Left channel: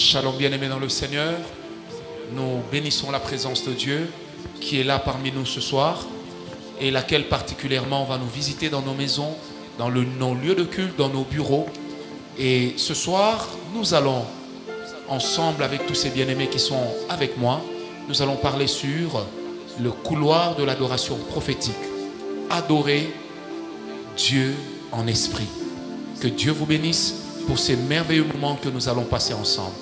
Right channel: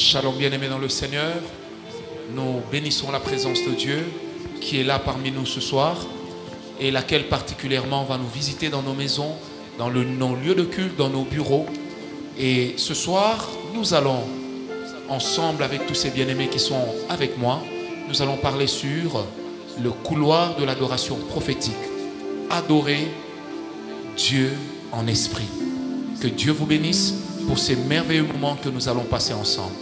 Shalom bien-aimés dans le Seigneur, nous bénissons la présence de Dieu qui est là parmi nous ce soir et laquelle particulièrement va nous visiter dans nos maisons, dans nos lieux de culte, dans nos bureaux. Et ce soir, nous allons ensemble avec tous ces bien-aimés qui sont avec moi, nous allons parler sur le couloir de l'adoration prophétique. Adorer Dieu en esprit. Que Dieu vous bénisse pour ces merveilleux moments que nous allons passer ensemble.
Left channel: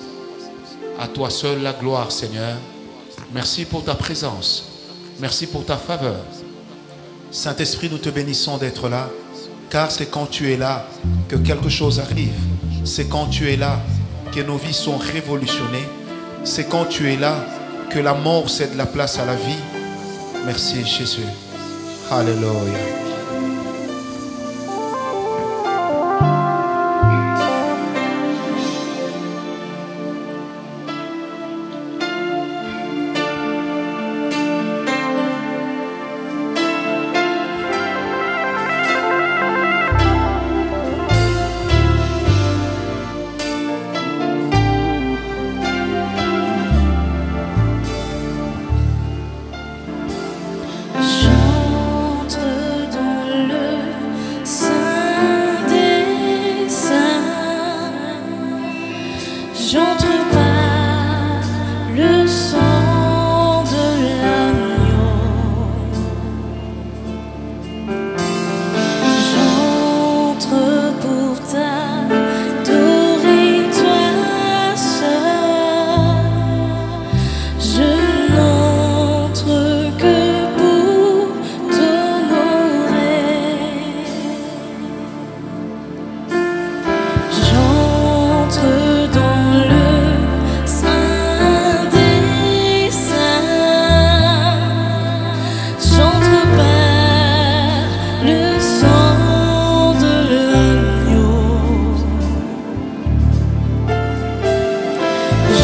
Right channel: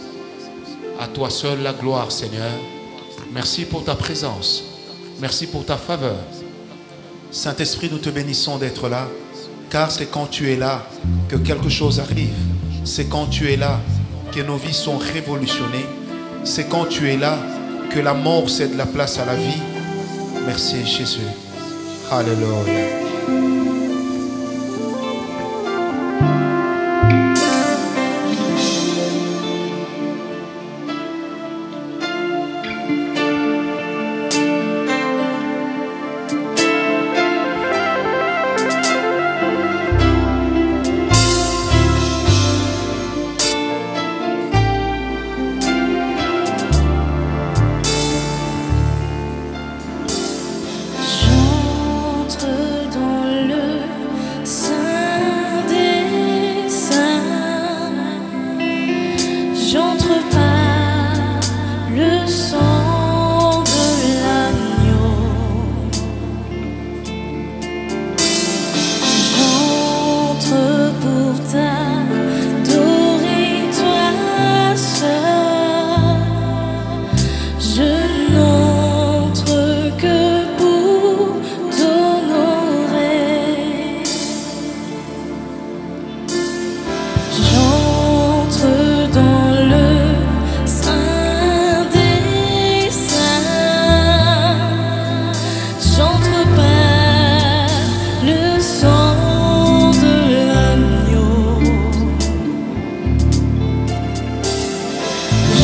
À toi seul la gloire, Seigneur. Merci pour ta présence. Merci pour ta faveur. Saint-Esprit, nous te bénissons d'être là, car c'est quand tu es là que quelque chose arrive. C'est quand tu es là que nos vies sont révolutionnées. C'est quand tu es là que la mort cède la place à la vie. Merci Jésus. Alléluia. J'entre par le sang de l'agneau. J'entre pour t'adorer toi seul. Je n'entre que pour t'honorer. J'entre dans le Saint des Saints. J'entre par le sang de l'agneau.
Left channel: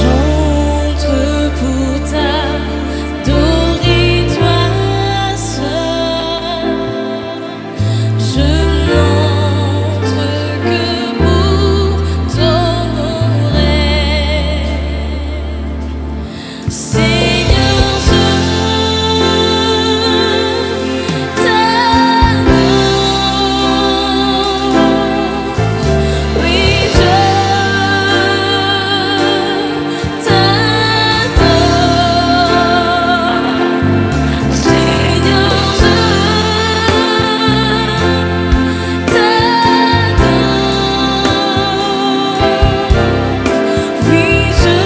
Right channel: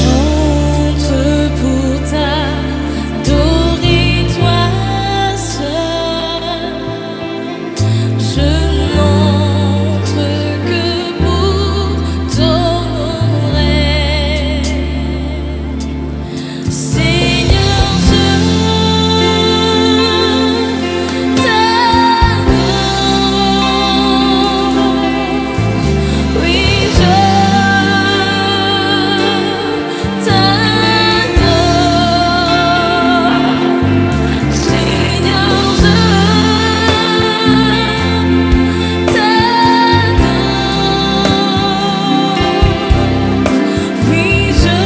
J'entre pour t'adorer toi seul. Je n'entre que pour t'honorer. Seigneur, je t'adore. Oui, je t'adore. Seigneur, je t'adore. Oui, je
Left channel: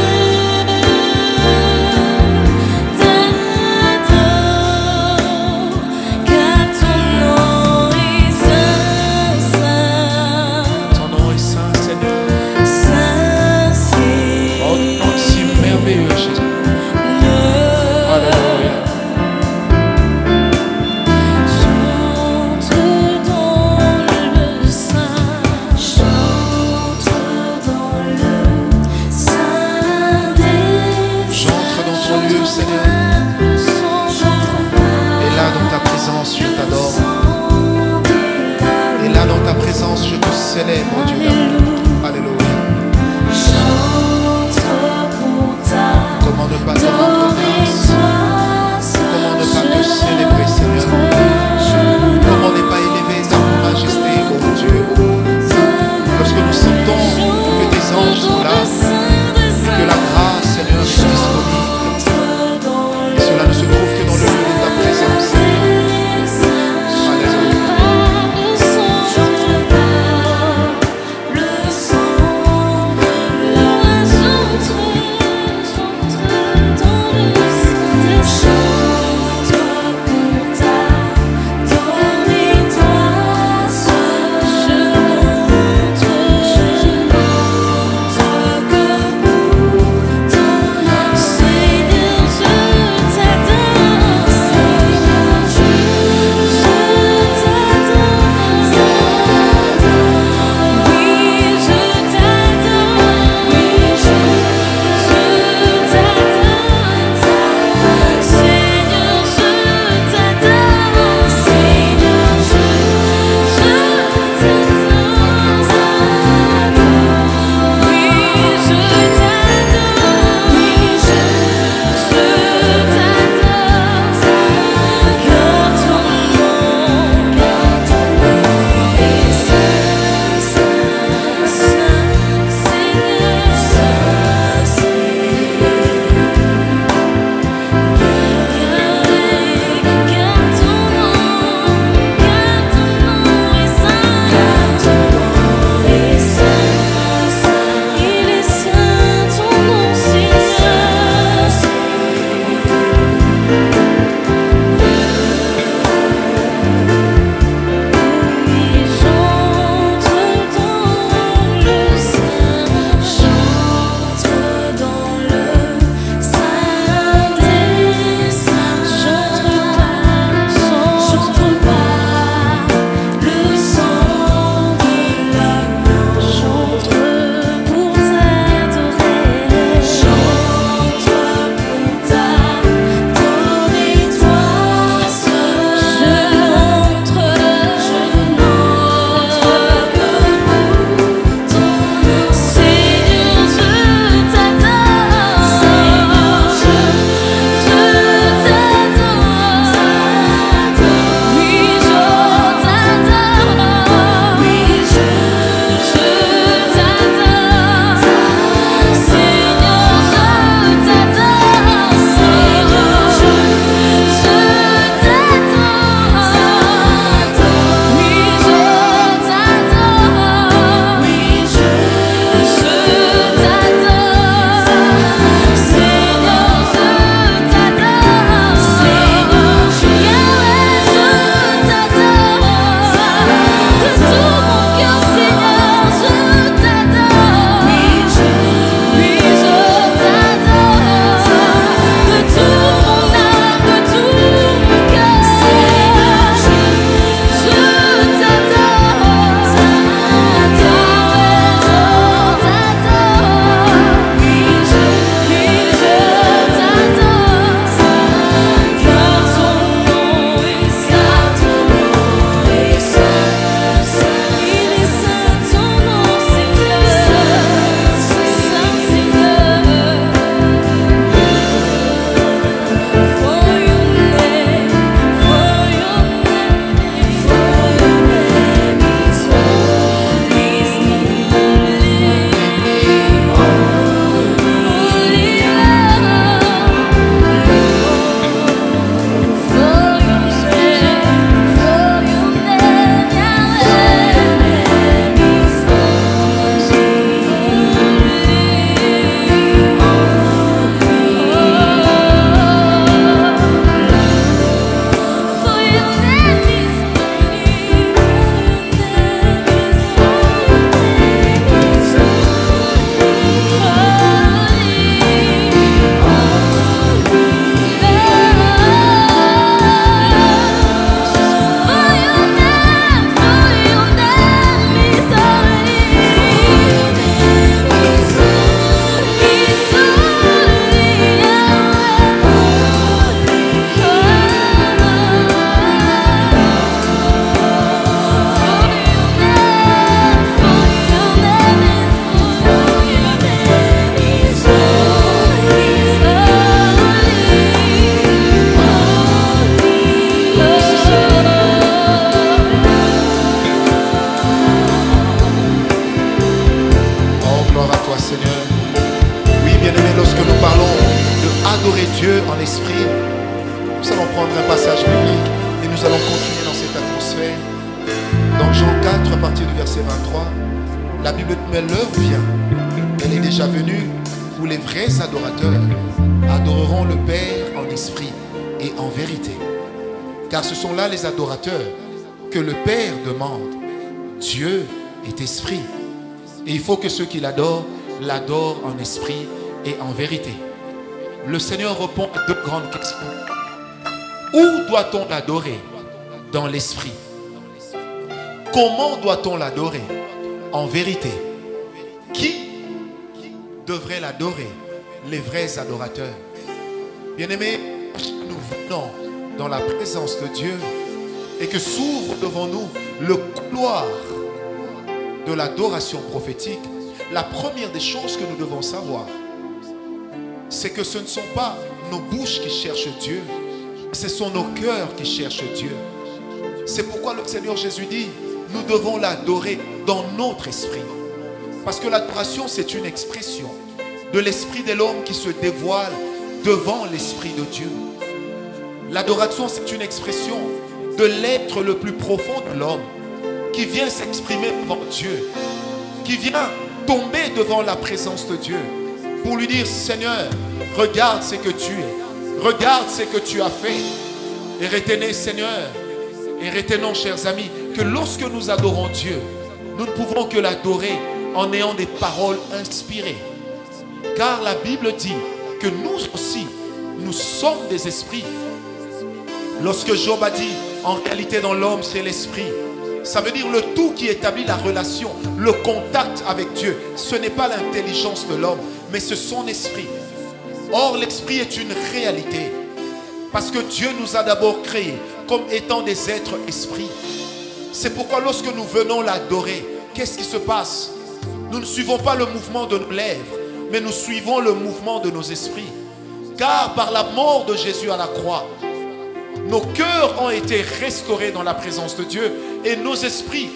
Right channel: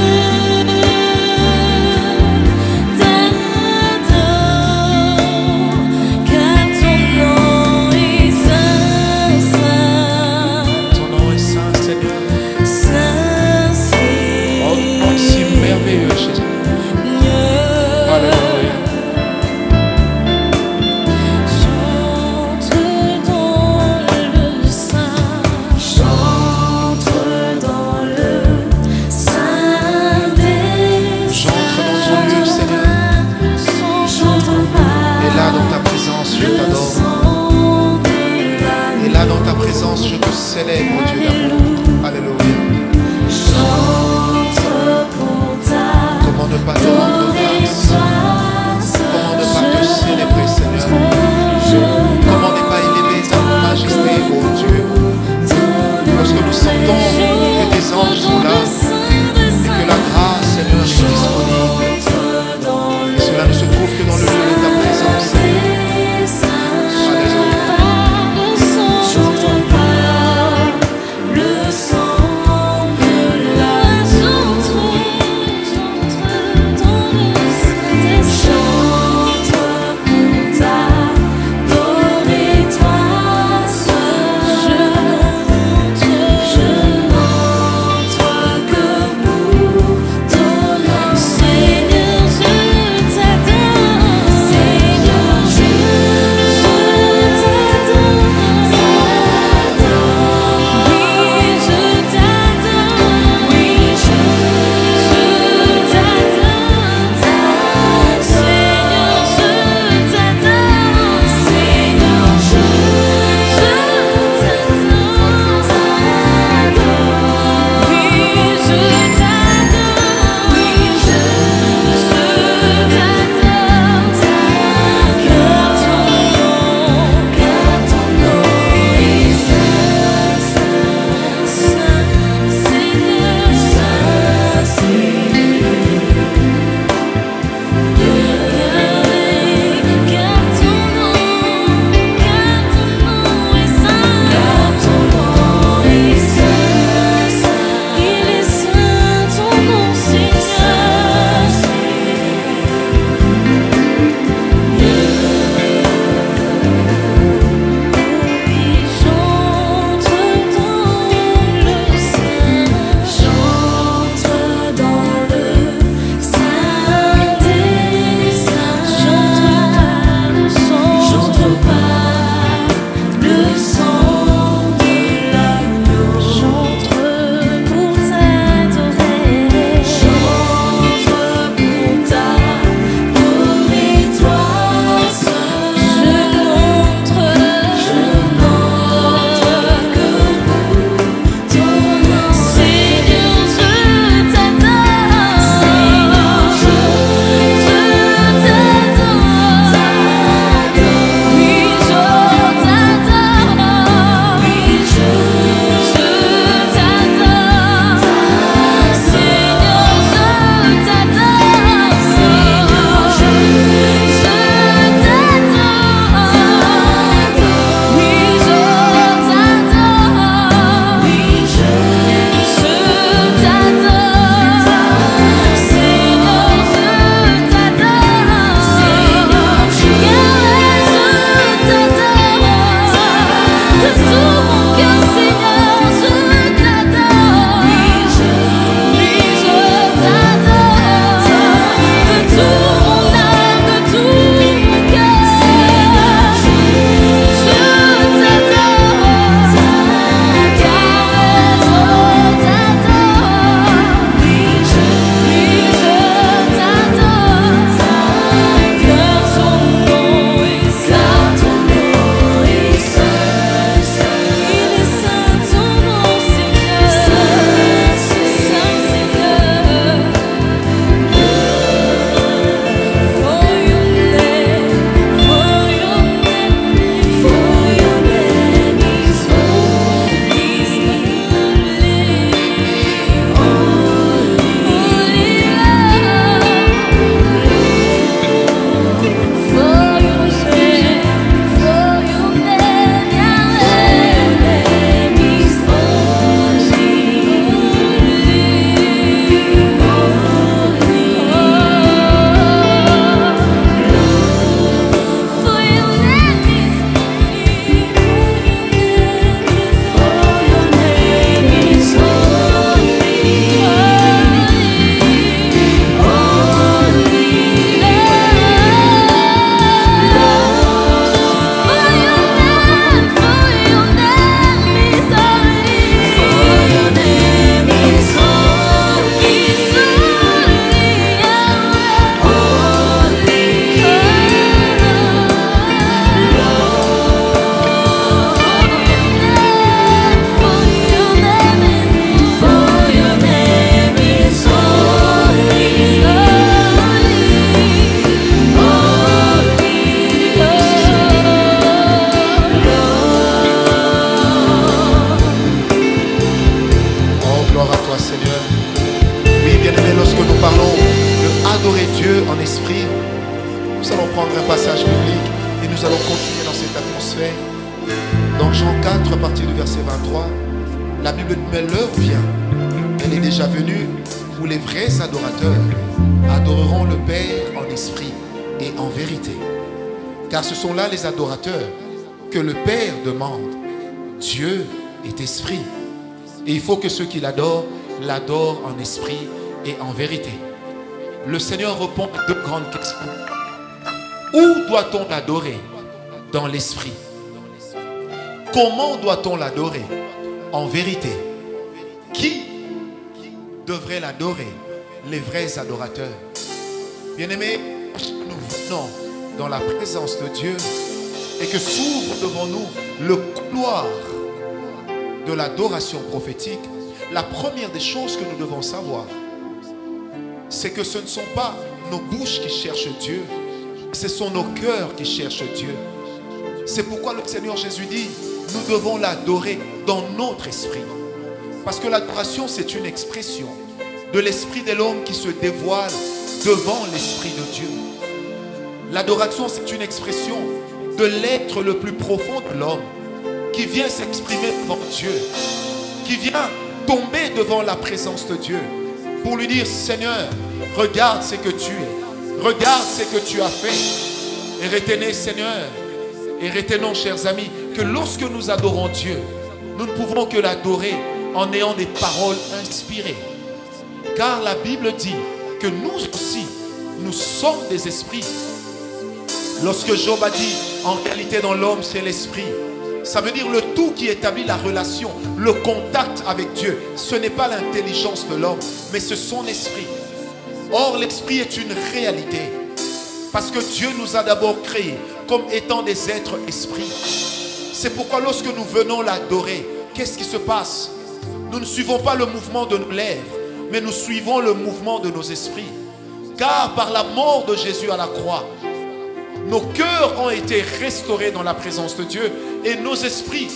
t'adore, car ton nom est saint, saint, Ton nom est saint, Seigneur. saint, Oh, ton nom est si merveilleux, Jésus. Seigneur. Alléluia. J'entre dans le Saint. J'entre dans le Saint des J'entre dans ton lieu, Seigneur. Et là, dans ta présence, je t'adore. Et là, dans ta présence, je te célèbre, Dieu d'amour. Alléluia. Comment ne pas te rendre grâce? Comment ne pas te célébrer, Seigneur? Comment ne pas élever ta majesté, ô Dieu? Lorsque nous sentons que tes anges sont là et que la grâce, Seigneur, est disponible. Et cela ne se trouve que dans le lieu de ta présence, Seigneur. Alléluia. Seigneur, je t'adore. Gloire à toi, Seigneur. Oui, bien-aimés, lorsque nous parlons de adorer Dieu en esprit, nous allons prendre un passage biblique et nous allons continuer dans cette atmosphère. Dans Jean 4, à partir du verset 23, la Bible dit, mais l'heure vient, elle est déjà venue, où les vrais adorateurs adoreront le Père en esprit et en vérité. Car ce sont là les adorateurs que le Père demande. Dieu est esprit. Et il faut que ceux qui l'adorent en esprit et en vérité. Le Seigneur répond à deux grandes questions. Où doit-on l'adorer? Dans l'esprit. Comment doit-on l'adorer? En vérité. Qui devrait l'adorer? Les vrais adorateurs. Bien-aimés, nous venons dans la présence de Dieu et que s'ouvre devant nous le couloir de l'adoration prophétique. La première des choses que nous devons savoir, c'est que ce ne sont pas nos bouches qui cherchent Dieu, ce sont nos cœurs qui cherchent Dieu. C'est pourquoi le Seigneur Jésus dit, nous devons l'adorer dans notre esprit. Parce que l'adoration, c'est une expression de l'esprit de l'homme qui se dévoile devant l'esprit de Dieu. L'adoration, c'est une expression de l'être le plus profond de l'homme qui vient s'exprimer devant Dieu, qui vient tomber devant la présence de Dieu pour lui dire, Seigneur, regarde ce que tu es, regarde ce que tu as fait. Et retenez, Seigneur, et retenons, chers amis, que lorsque nous adorons Dieu, nous ne pouvons que l'adorer en ayant des paroles inspirées. Car la Bible dit que nous aussi, nous sommes des esprits. Lorsque Job a dit, en réalité dans l'homme c'est l'esprit, ça veut dire le tout qui établit la relation, le contact avec Dieu. Ce n'est pas l'intelligence de l'homme, mais c'est son esprit. Or l'esprit est une réalité. Parce que Dieu nous a d'abord créés comme étant des êtres esprits. C'est pourquoi lorsque nous venons l'adorer, qu'est-ce qui se passe? Nous ne suivons pas le mouvement de nos lèvres, mais nous suivons le mouvement de nos esprits. Car par la mort de Jésus à la croix, nos cœurs ont été restaurés dans la présence de Dieu et nos esprits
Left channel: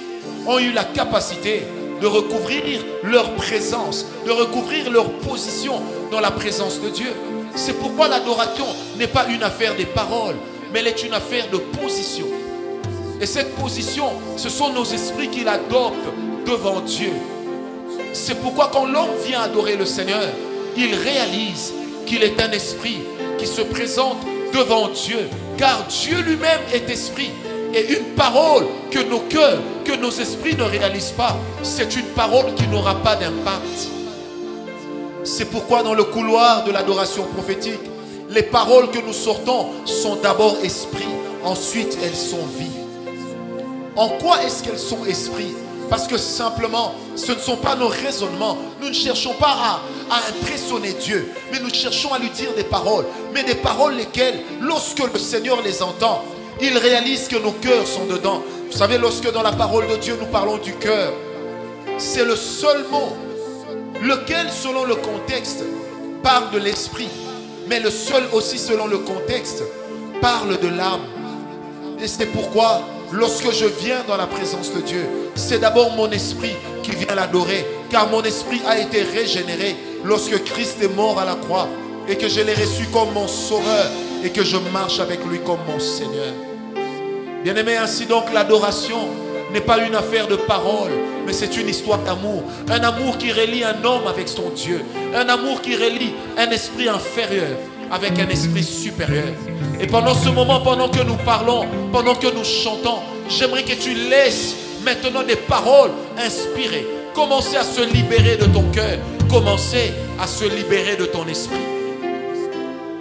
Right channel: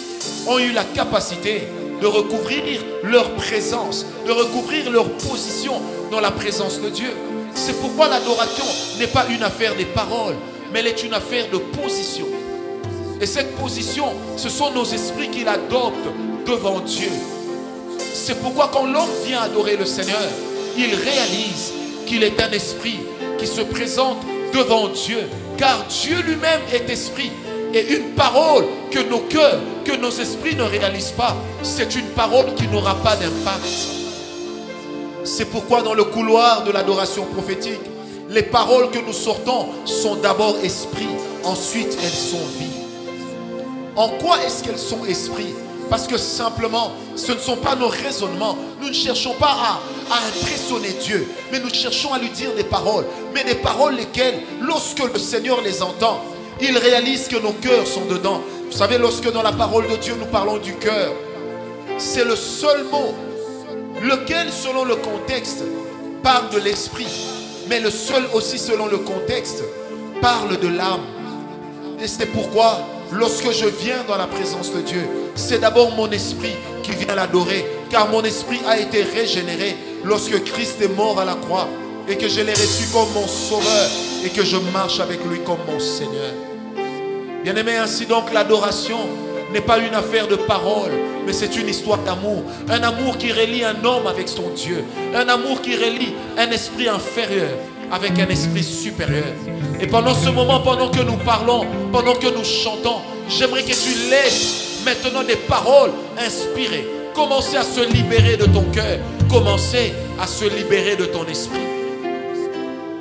ont eu la capacité de recouvrir leur présence, de recouvrir leur position dans la présence de Dieu. C'est pourquoi l'adoration n'est pas une affaire des paroles, mais elle est une affaire de position. Et cette position, ce sont nos esprits qui l'adoptent devant Dieu. C'est pourquoi quand l'homme vient adorer le Seigneur, il réalise qu'il est un esprit qui se présente devant Dieu. Car Dieu lui-même est esprit. Et une parole que nos cœurs, que nos esprits ne réalisent pas, c'est une parole qui n'aura pas d'impact. C'est pourquoi dans le couloir de l'adoration prophétique, les paroles que nous sortons sont d'abord esprit, ensuite elles sont vie. En quoi est-ce qu'elles sont esprit? Parce que simplement, ce ne sont pas nos raisonnements. Nous ne cherchons pas à impressionner Dieu, mais nous cherchons à lui dire des paroles. Mais des paroles lesquelles, lorsque le Seigneur les entend, il réalise que nos cœurs sont dedans. Vous savez, lorsque dans la parole de Dieu, nous parlons du cœur, c'est le seul mot, lequel, selon le contexte, parle de l'esprit. Mais le seul aussi, selon le contexte, parle de l'âme. Et c'est pourquoi, lorsque je viens dans la présence de Dieu, c'est d'abord mon esprit qui vient l'adorer. Car mon esprit a été régénéré lorsque Christ est mort à la croix. Et que je l'ai reçu comme mon sauveur. Et que je marche avec lui comme mon Seigneur. Bien-aimé, ainsi donc l'adoration n'est pas une affaire de parole, mais c'est une histoire d'amour. Un amour qui relie un homme avec son Dieu. Un amour qui relie un esprit inférieur avec un esprit supérieur. Et pendant ce moment, pendant que nous parlons, pendant que nous chantons, j'aimerais que tu laisses maintenant des paroles inspirées. Commencez à se libérer de ton cœur. Commencez à se libérer de ton esprit.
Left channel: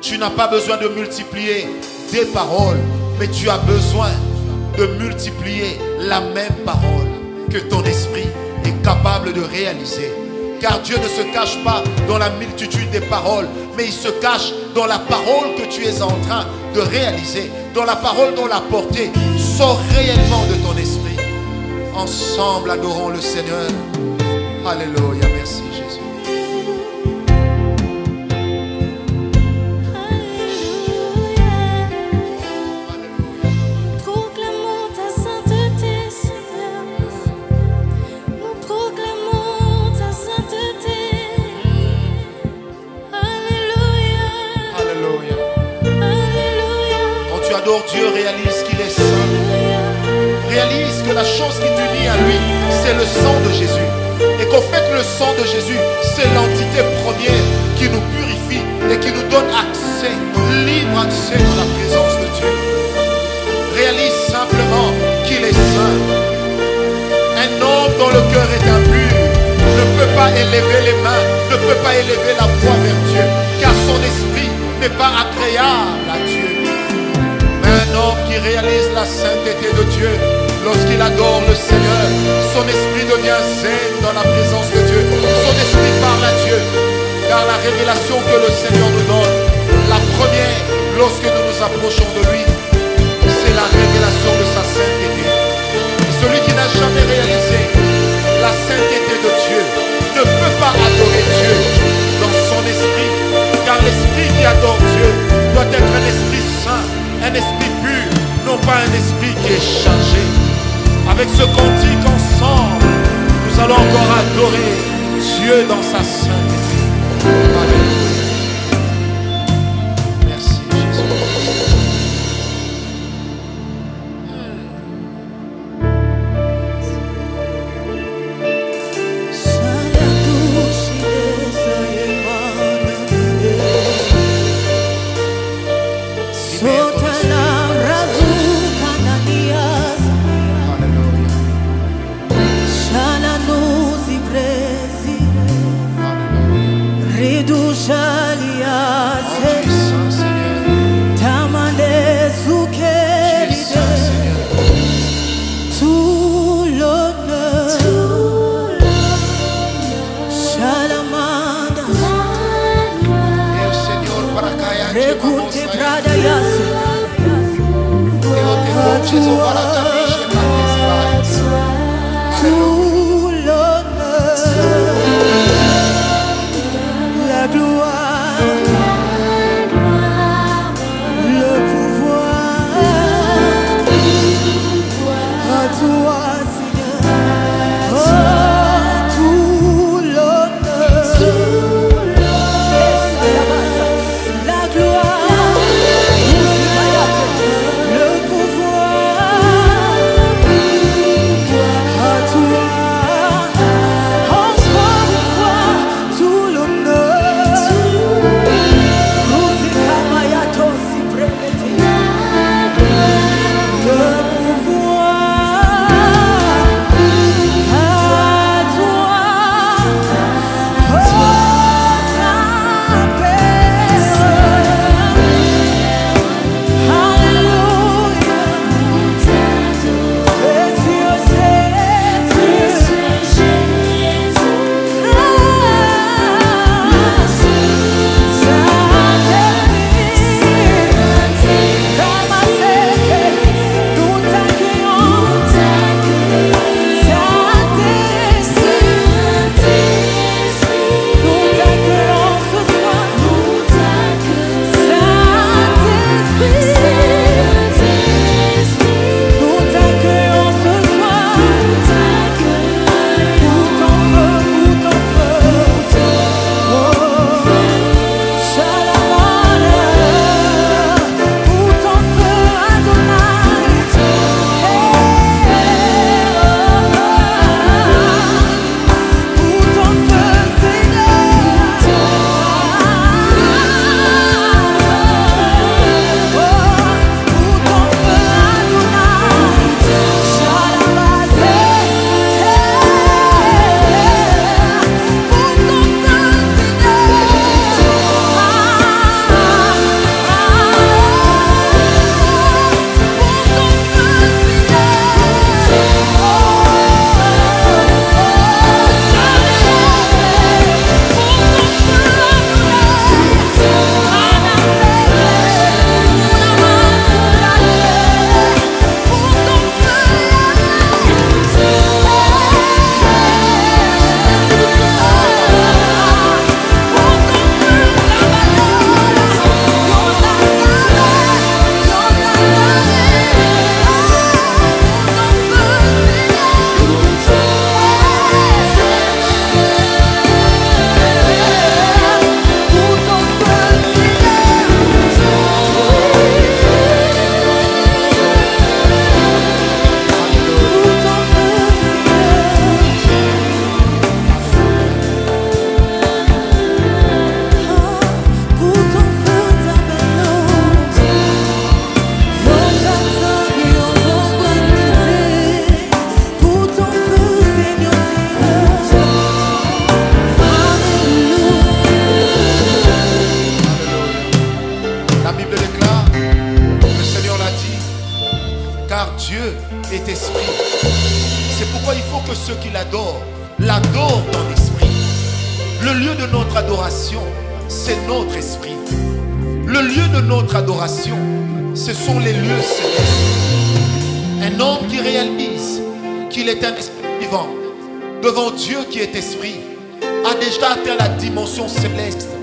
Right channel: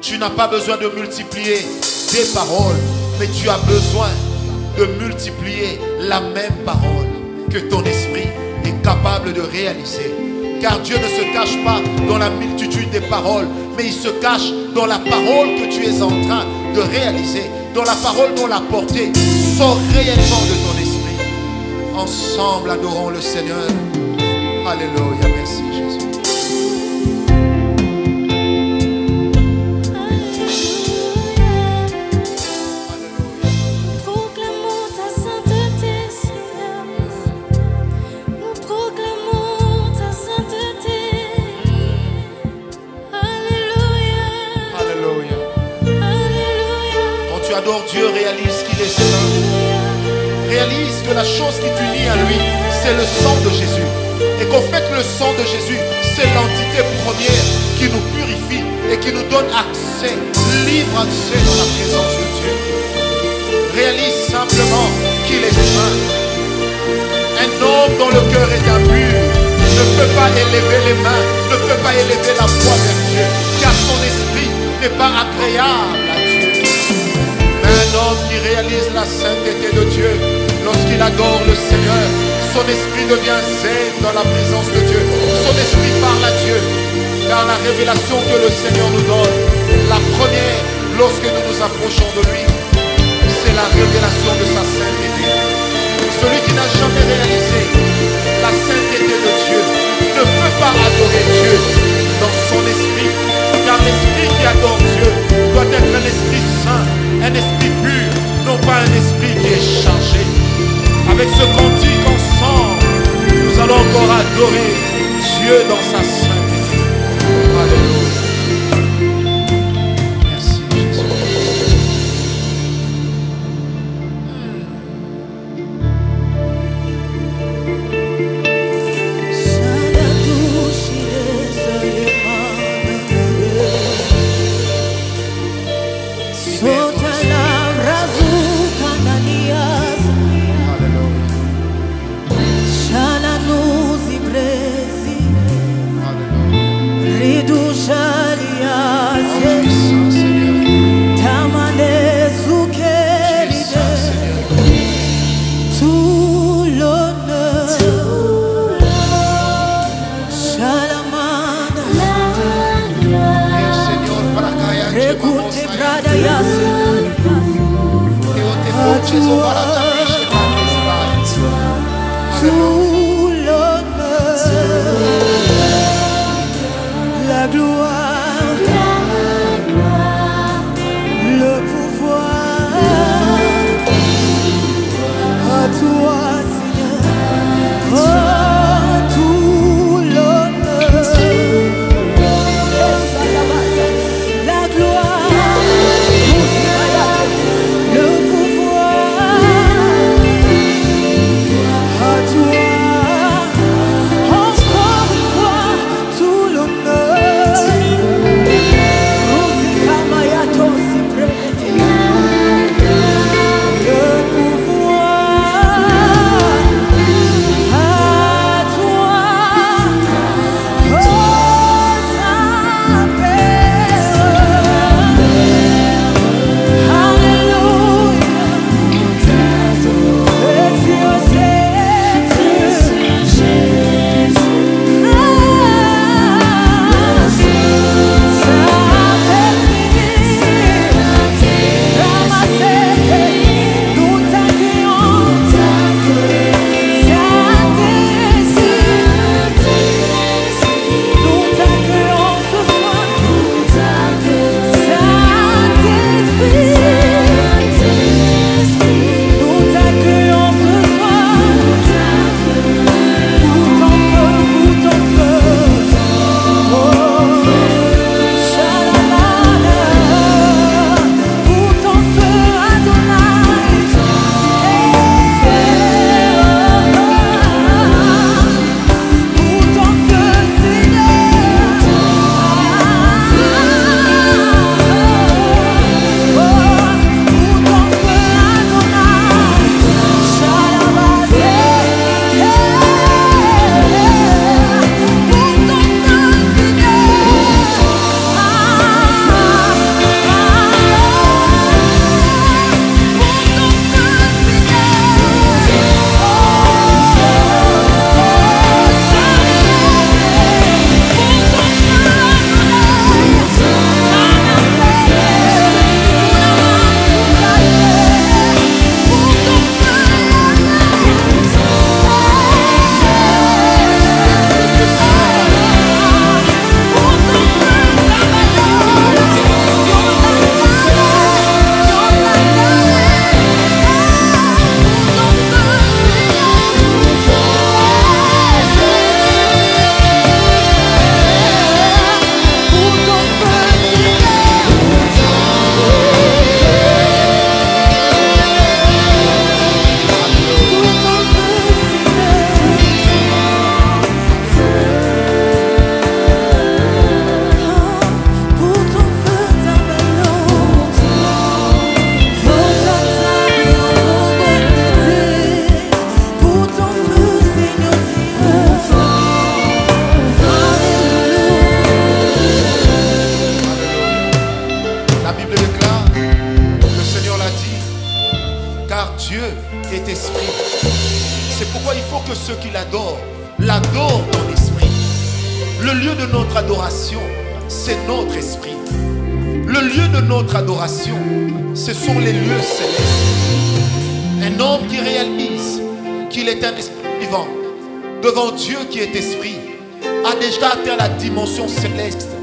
Tu n'as pas besoin de multiplier des paroles, mais tu as besoin de multiplier la même parole que ton esprit est capable de réaliser. Car Dieu ne se cache pas dans la multitude des paroles, mais il se cache dans la parole que tu es en train de réaliser, dans la parole dont la portée sort réellement de ton esprit. Ensemble, adorons le Seigneur. Alléluia, merci Jésus. Proclamons ta sainteté, tu adores Dieu, réalise qu'il est saint. Réalise que la chose qui t'unit à lui, c'est le sang de Jésus. Et qu'au fait que le sang de Jésus, c'est l'entité première qui nous purifie et qui nous donne accès, libre accès dans la présence de Dieu. Réalise simplement qu'il est saint. Un homme dont le cœur est impur ne peut pas élever les mains, ne peut pas élever la voix vers Dieu, car son esprit n'est pas agréable à Dieu. Mais un homme qui réalise la sainteté de Dieu, lorsqu'il adore le Seigneur, son esprit devient zen dans la présence de Dieu. Son esprit parle à Dieu, car la révélation que le Seigneur nous donne, la première, lorsque nous nous approchons de lui, c'est la révélation de sa sainteté. Et celui qui n'a jamais réalisé la sainteté de Dieu ne peut pas adorer Dieu dans son esprit, car l'esprit qui adore Dieu doit être un esprit saint, un esprit pur, non pas un esprit qui est chargé. Avec ce cantique ensemble, nous allons encore adorer Dieu dans sa sainteté. Alléluia. Merci Jésus. Alléluia. Alléluia. Oh, tu es saint, Seigneur. Tu es saint, Seigneur. Tout l'honneur, Shalamanda, Et au Seigneur, Barakaya, Rekunte Brada Yase, tout l'honneur, la gloire, le pouvoir, à toi Seigneur, oh, tout l'honneur, la gloire, le pouvoir, à toi, encore une fois, tout l'honneur, le pouvoir, car Dieu est esprit. C'est pourquoi il faut que ceux qui l'adorent en esprit. Le lieu de notre adoration, c'est notre esprit. Le lieu de notre adoration, ce sont les lieux célestes. Un homme qui réalise qu'il est un esprit vivant devant Dieu qui est esprit a déjà atteint la dimension céleste,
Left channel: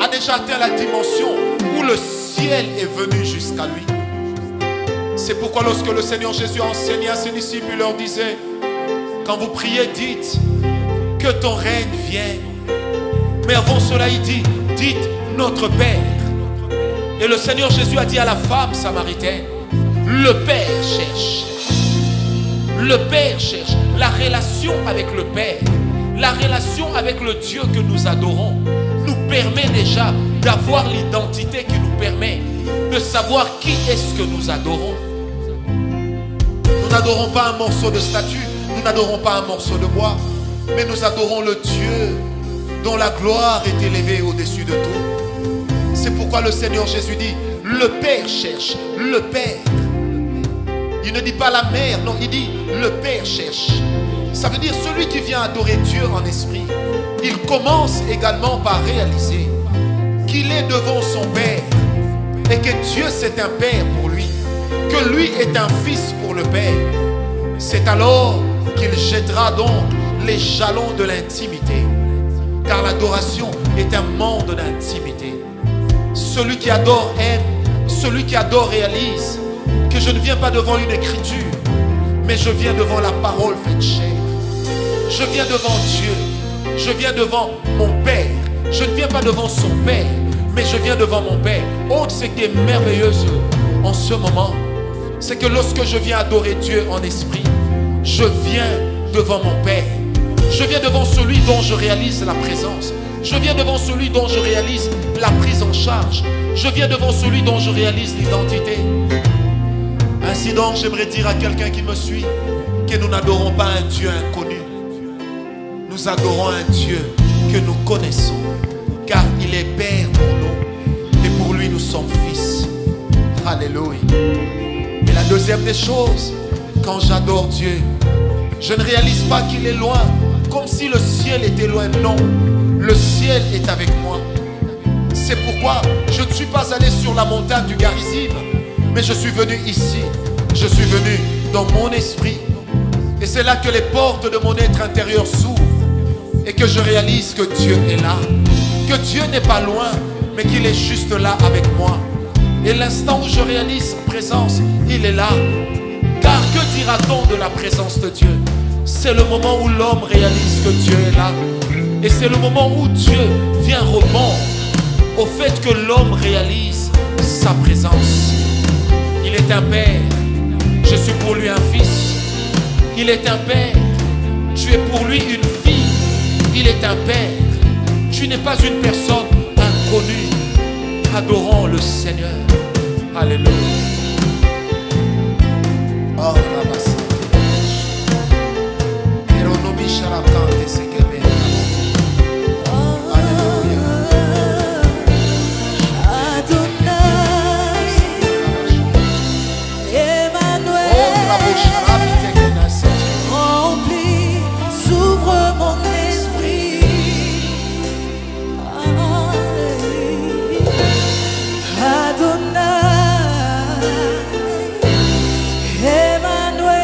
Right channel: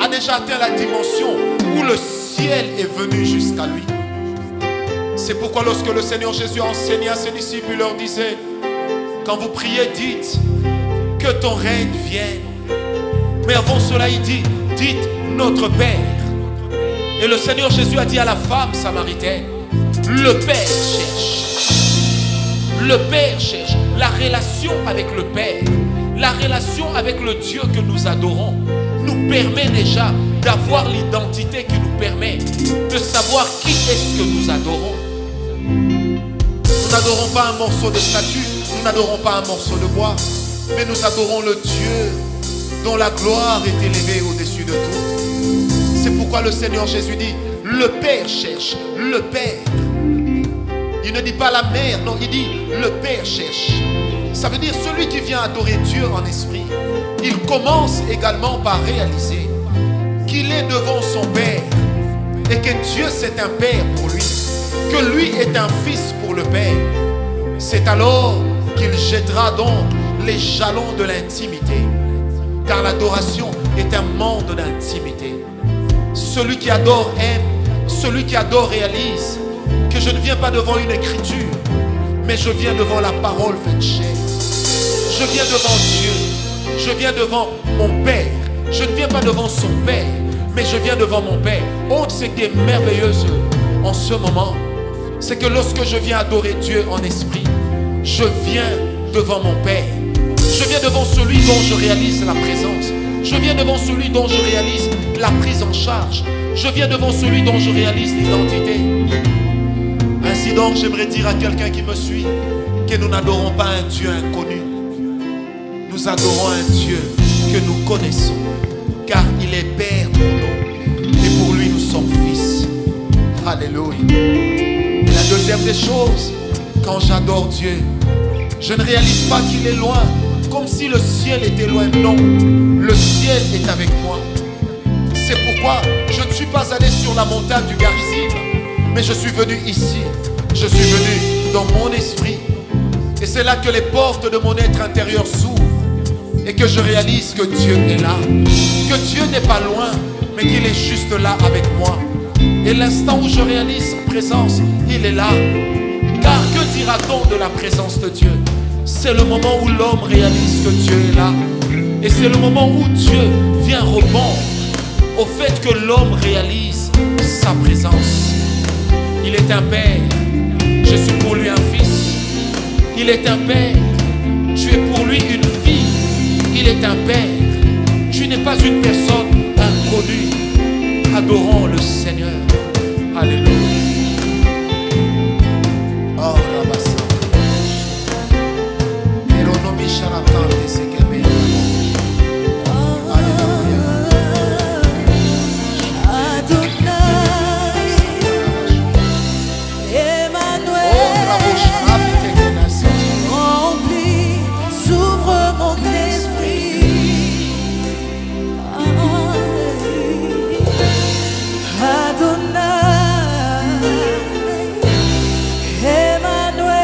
a déjà atteint la dimension où le ciel est venu jusqu'à lui. C'est pourquoi lorsque le Seigneur Jésus a enseigné à ses disciples, il leur disait: quand vous priez, dites que ton règne vienne. Mais avant cela, il dit: dites notre Père. Et le Seigneur Jésus a dit à la femme samaritaine: le Père cherche. Le Père cherche. La relation avec le Père, la relation avec le Dieu que nous adorons, nous permet déjà d'avoir l'identité qui nous permet de savoir qui est-ce que nous adorons. Nous n'adorons pas un morceau de statue, nous n'adorons pas un morceau de bois, mais nous adorons le Dieu dont la gloire est élevée au-dessus de tout. C'est pourquoi le Seigneur Jésus dit: le Père cherche, le Père. Il ne dit pas la mère, non, il dit le Père cherche. Ça veut dire celui qui vient adorer Dieu en esprit, il commence également par réaliser qu'il est devant son Père et que Dieu c'est un Père pour lui, que lui est un fils pour le Père. C'est alors qu'il jettera donc les jalons de l'intimité, car l'adoration est un monde d'intimité. Celui qui adore aime, celui qui adore réalise que je ne viens pas devant une écriture, mais je viens devant la parole faite chair. Je viens devant Dieu, je viens devant mon Père. Je ne viens pas devant son Père, mais je viens devant mon Père. Oh, ce qui est merveilleux en ce moment, c'est que lorsque je viens adorer Dieu en esprit, je viens devant mon Père. Je viens devant celui dont je réalise la présence. Je viens devant celui dont je réalise la prise en charge. Je viens devant celui dont je réalise l'identité. Ainsi donc, j'aimerais dire à quelqu'un qui me suit que nous n'adorons pas un Dieu inconnu. Nous adorons un Dieu que nous connaissons, car il est Père pour nous et pour lui nous sommes fils. Alléluia. Et la deuxième des choses, quand j'adore Dieu, je ne réalise pas qu'il est loin, comme si le ciel était loin. Non, le ciel est avec moi. C'est pourquoi je ne suis pas allé sur la montagne du Garizim, mais je suis venu ici. Je suis venu dans mon esprit. Et c'est là que les portes de mon être intérieur s'ouvrent et que je réalise que Dieu est là, que Dieu n'est pas loin, mais qu'il est juste là avec moi. Et l'instant où je réalise sa présence, il est là. Car que dira-t-on de la présence de Dieu? C'est le moment où l'homme réalise que Dieu est là. Et c'est le moment où Dieu vient répondre au fait que l'homme réalise sa présence. Il est un Père, je suis pour lui un fils. Il est un Père, tu es pour lui une fille. Il est un Père, tu n'es pas une personne inconnue. Adorons le Seigneur. Alléluia. Oh, Rabasante la bouche. Eronomi Sharakante Sekemere Yabo. Alléluia. Adonai, Emmanuel, remplis, j'ouvre mon esprit. Adonai, Emmanuel,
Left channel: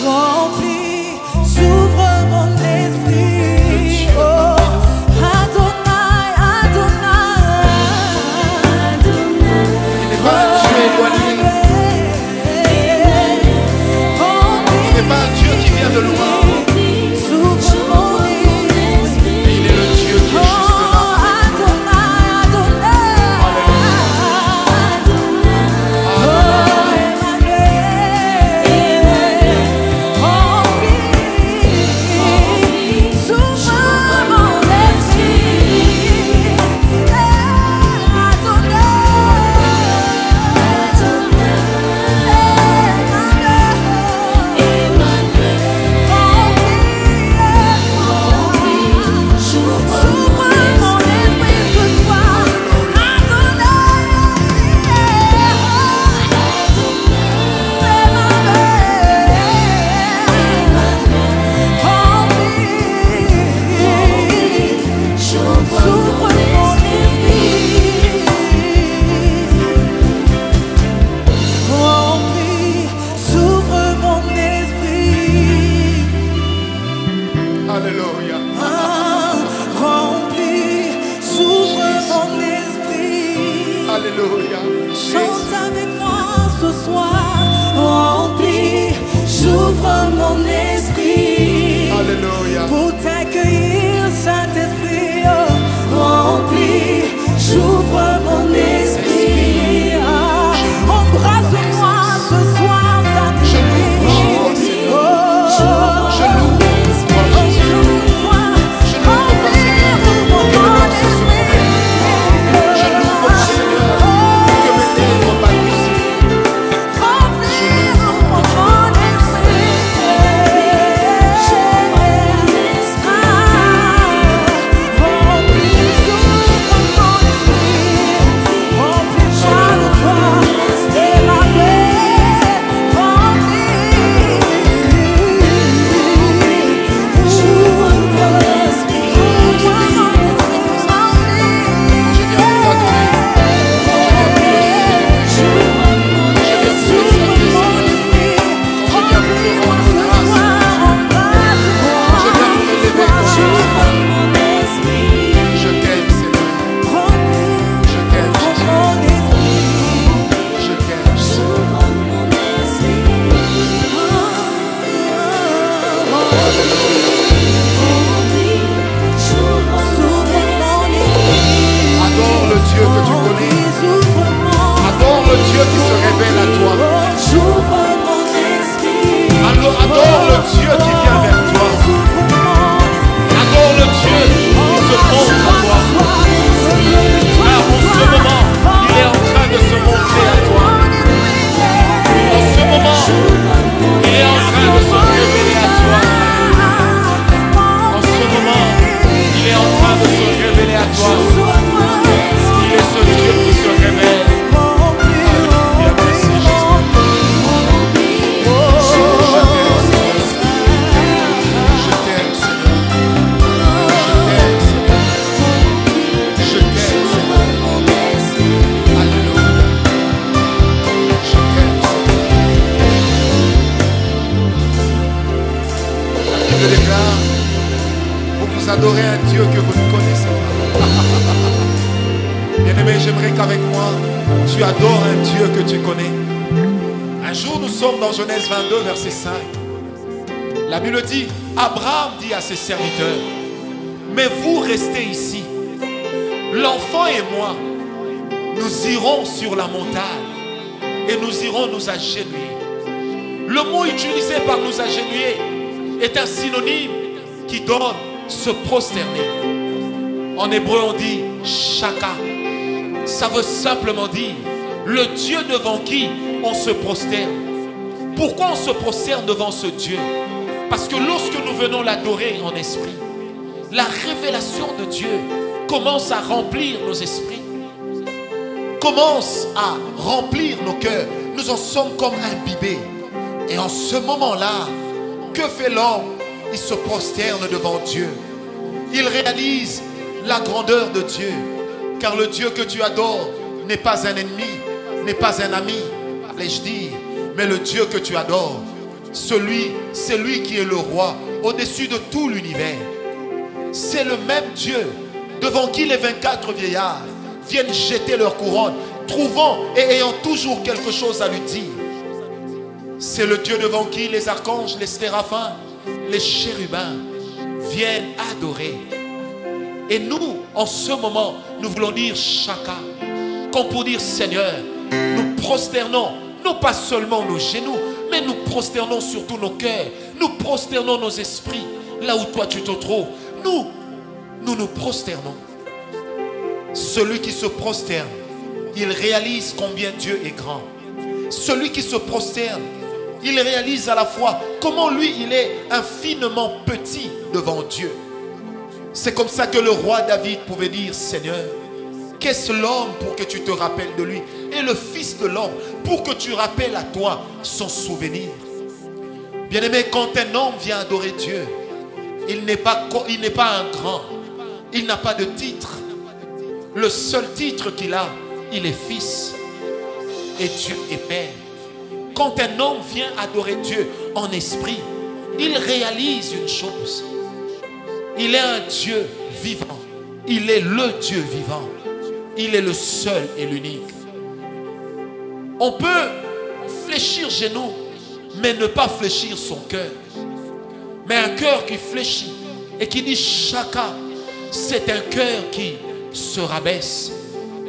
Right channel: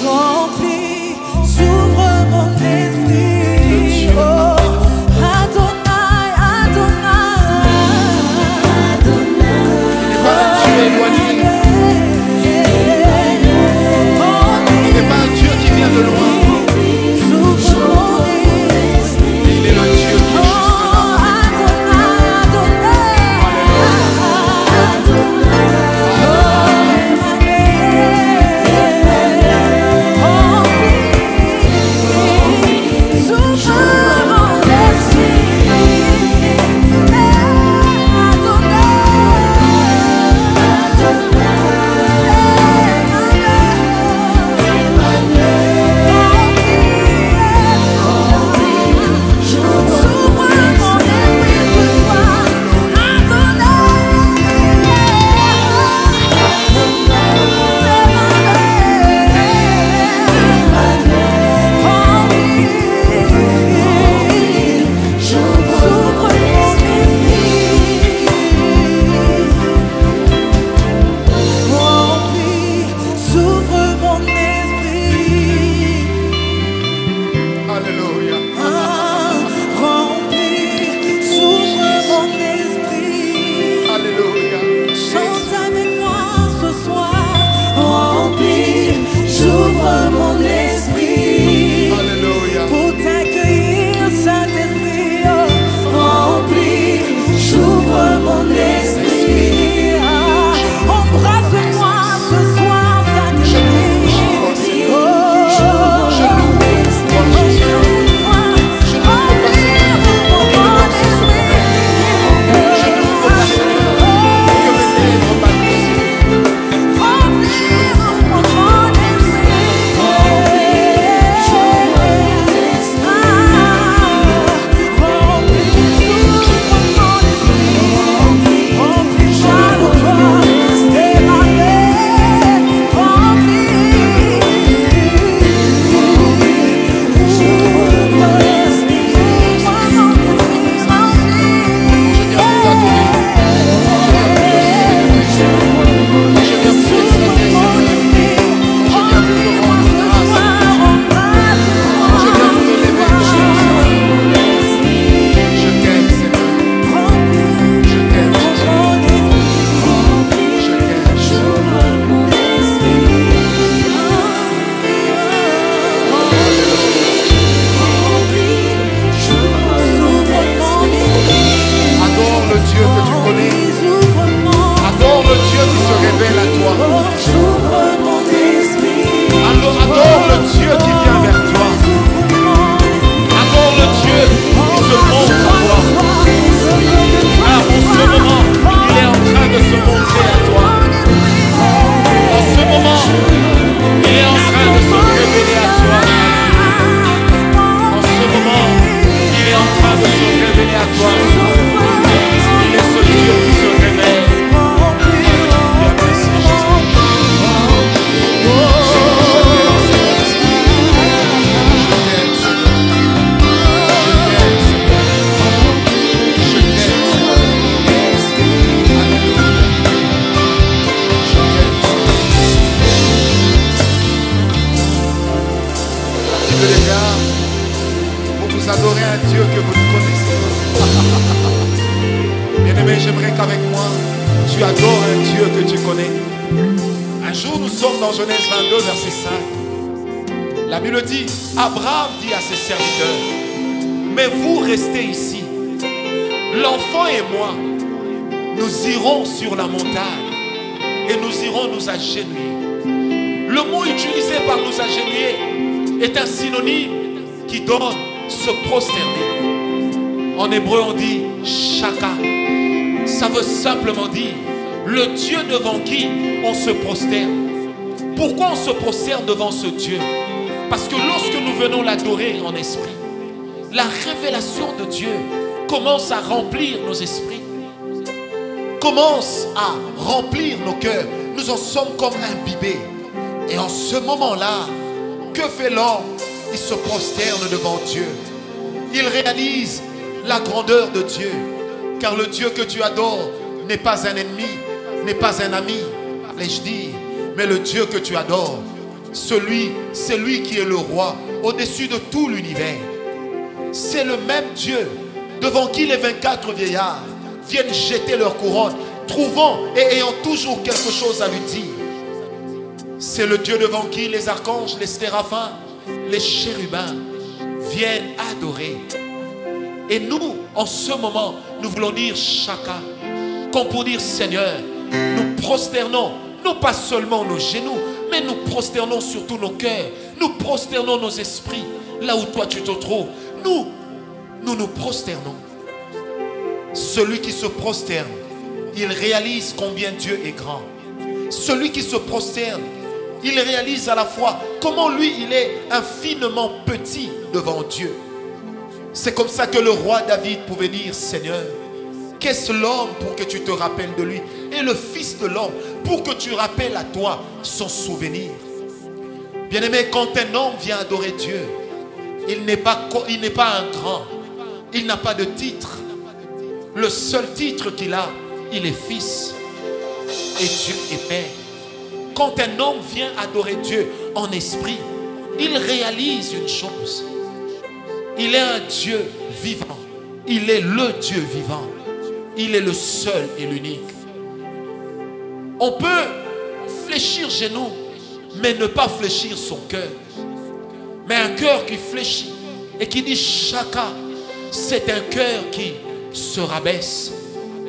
remplis, j'ouvre mon esprit. Oh, Adonai, Adonai. Il n'est pas un Dieu éloigné. Il n'est pas un Dieu qui vient de loin. Mais il est le Dieu qui est juste là. Oh Alléluia. Chante avec moi ce soir, rempli, j'ouvre mon esprit. Alléluia. Pour t'accueillir, Saint-Esprit, rempli, j'ouvre mon esprit. Embrasse-moi ce soir, Saint-Esprit. Je l'ouvre chez toi, Seigneur. Je l'ouvre pour toi, Jésus. Je l'ouvre pas, Seigneur, que mes pensées se promènent. Je l'ouvre pas, Seigneur, que mes lèvres balbutient. Je l'ouvre pour que tu Dieu que tu connais. Adore le Dieu qui se révèle à toi. Adore le Dieu qui vient vers toi. Adore le Dieu qui se montre à toi. Car en ce moment, il est en train de se montrer à toi. En ce moment, il est en train de se révéler à toi. En ce moment, il est en train de se révéler à toi. Il est ce Dieu qui se révèle. Alléluia, merci Jésus. Je t'aime, Seigneur. Je t'aime, Seigneur. Je t'aime, Seigneur. Je t'aime, Seigneur. Alléluia. Je t'aime, Seigneur. La Bible déclare, vous adorez un Dieu que vous ne connaissez pas. Bien-aimé, j'aimerais qu'avec moi, tu adores un Dieu que tu connais. Un jour, nous sommes dans Genèse 22, verset 5. La Bible dit, Abraham dit à ses serviteurs, mais vous restez ici. L'enfant et moi, nous irons sur la montagne et nous irons nous agenouiller. Le mot utilisé par nous agenouiller est un synonyme qui donne se prosterner. En hébreu, on dit shaka. Ça veut simplement dire le Dieu devant qui on se prosterne. Pourquoi on se prosterne devant ce Dieu? Parce que lorsque nous venons l'adorer en esprit, la révélation de Dieu commence à remplir nos esprits, commence à remplir nos cœurs. Nous en sommes comme imbibés. Et en ce moment-là, que fait l'homme? Il se prosterne devant Dieu. Il réalise la grandeur de Dieu. Car le Dieu que tu adores n'est pas un ennemi, n'est pas un ami, allais-je dire. Mais le Dieu que tu adores, c'est lui qui est le roi au-dessus de tout l'univers. C'est le même Dieu devant qui les 24 vieillards viennent jeter leur couronne, trouvant et ayant toujours quelque chose à lui dire. C'est le Dieu devant qui les archanges, les séraphins, les chérubins viennent adorer. Et nous, en ce moment, nous voulons dire chacun, comme pour dire Seigneur, nous prosternons, non pas seulement nos genoux, mais nous prosternons surtout nos cœurs, nous prosternons nos esprits, là où toi tu te trouves. Nous nous prosternons. Celui qui se prosterne, il réalise combien Dieu est grand. Celui qui se prosterne, il réalise à la fois comment lui, il est infiniment petit devant Dieu. C'est comme ça que le roi David pouvait dire, Seigneur, qu'est-ce l'homme pour que tu te rappelles de lui? Et le fils de l'homme pour que tu rappelles à toi son souvenir. Bien-aimé, quand un homme vient adorer Dieu, il n'est pas un grand. Il n'a pas de titre. Le seul titre qu'il a, il est fils. Et Dieu est père. Quand un homme vient adorer Dieu en esprit, il réalise une chose. Il est un Dieu vivant. Il est le Dieu vivant. Il est le seul et l'unique. On peut fléchir genoux, mais ne pas fléchir son cœur. Mais un cœur qui fléchit et qui dit chacun, c'est un cœur qui se rabaisse.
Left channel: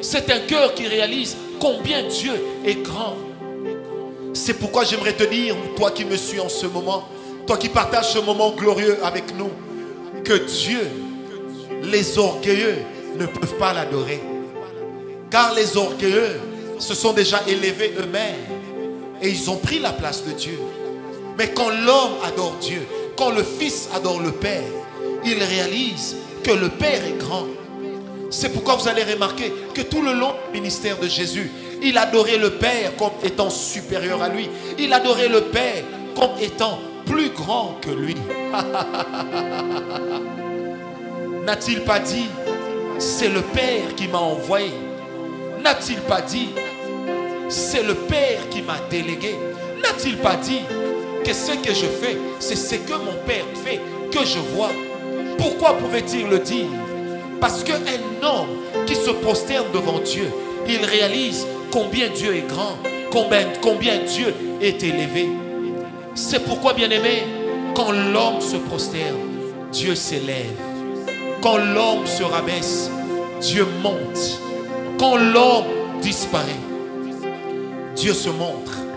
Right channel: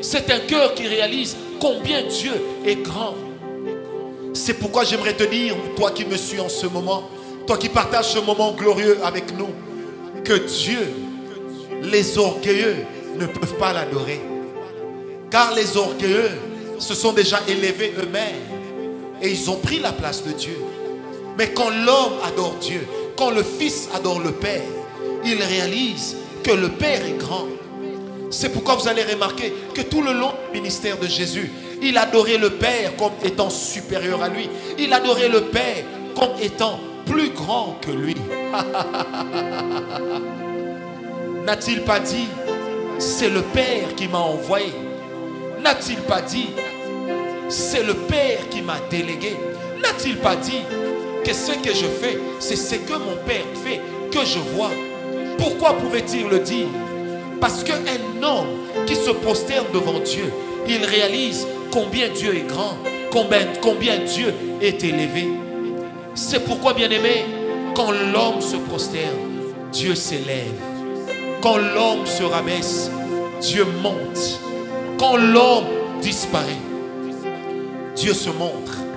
C'est un cœur qui réalise combien Dieu est grand. C'est pourquoi j'aimerais te dire, toi qui me suis en ce moment, toi qui partages ce moment glorieux avec nous, que Dieu, les orgueilleux ne peuvent pas l'adorer. Car les orgueilleux se sont déjà élevés eux-mêmes et ils ont pris la place de Dieu. Mais quand l'homme adore Dieu, quand le Fils adore le Père, il réalise que le Père est grand. C'est pourquoi vous allez remarquer que tout le long du ministère de Jésus, il adorait le Père comme étant supérieur à lui. Il adorait le Père comme étant plus grand que lui. N'a-t-il pas dit, c'est le Père qui m'a envoyé? N'a-t-il pas dit, c'est le Père qui m'a délégué? N'a-t-il pas dit que ce que je fais, c'est ce que mon Père fait, que je vois? Pourquoi pouvait-il le dire? Parce qu'un homme qui se prosterne devant Dieu, il réalise combien Dieu est grand, combien Dieu est élevé. C'est pourquoi, bien-aimé, quand l'homme se prosterne, Dieu s'élève. Quand l'homme se rabaisse, Dieu monte. Quand l'homme disparaît, Dieu se montre.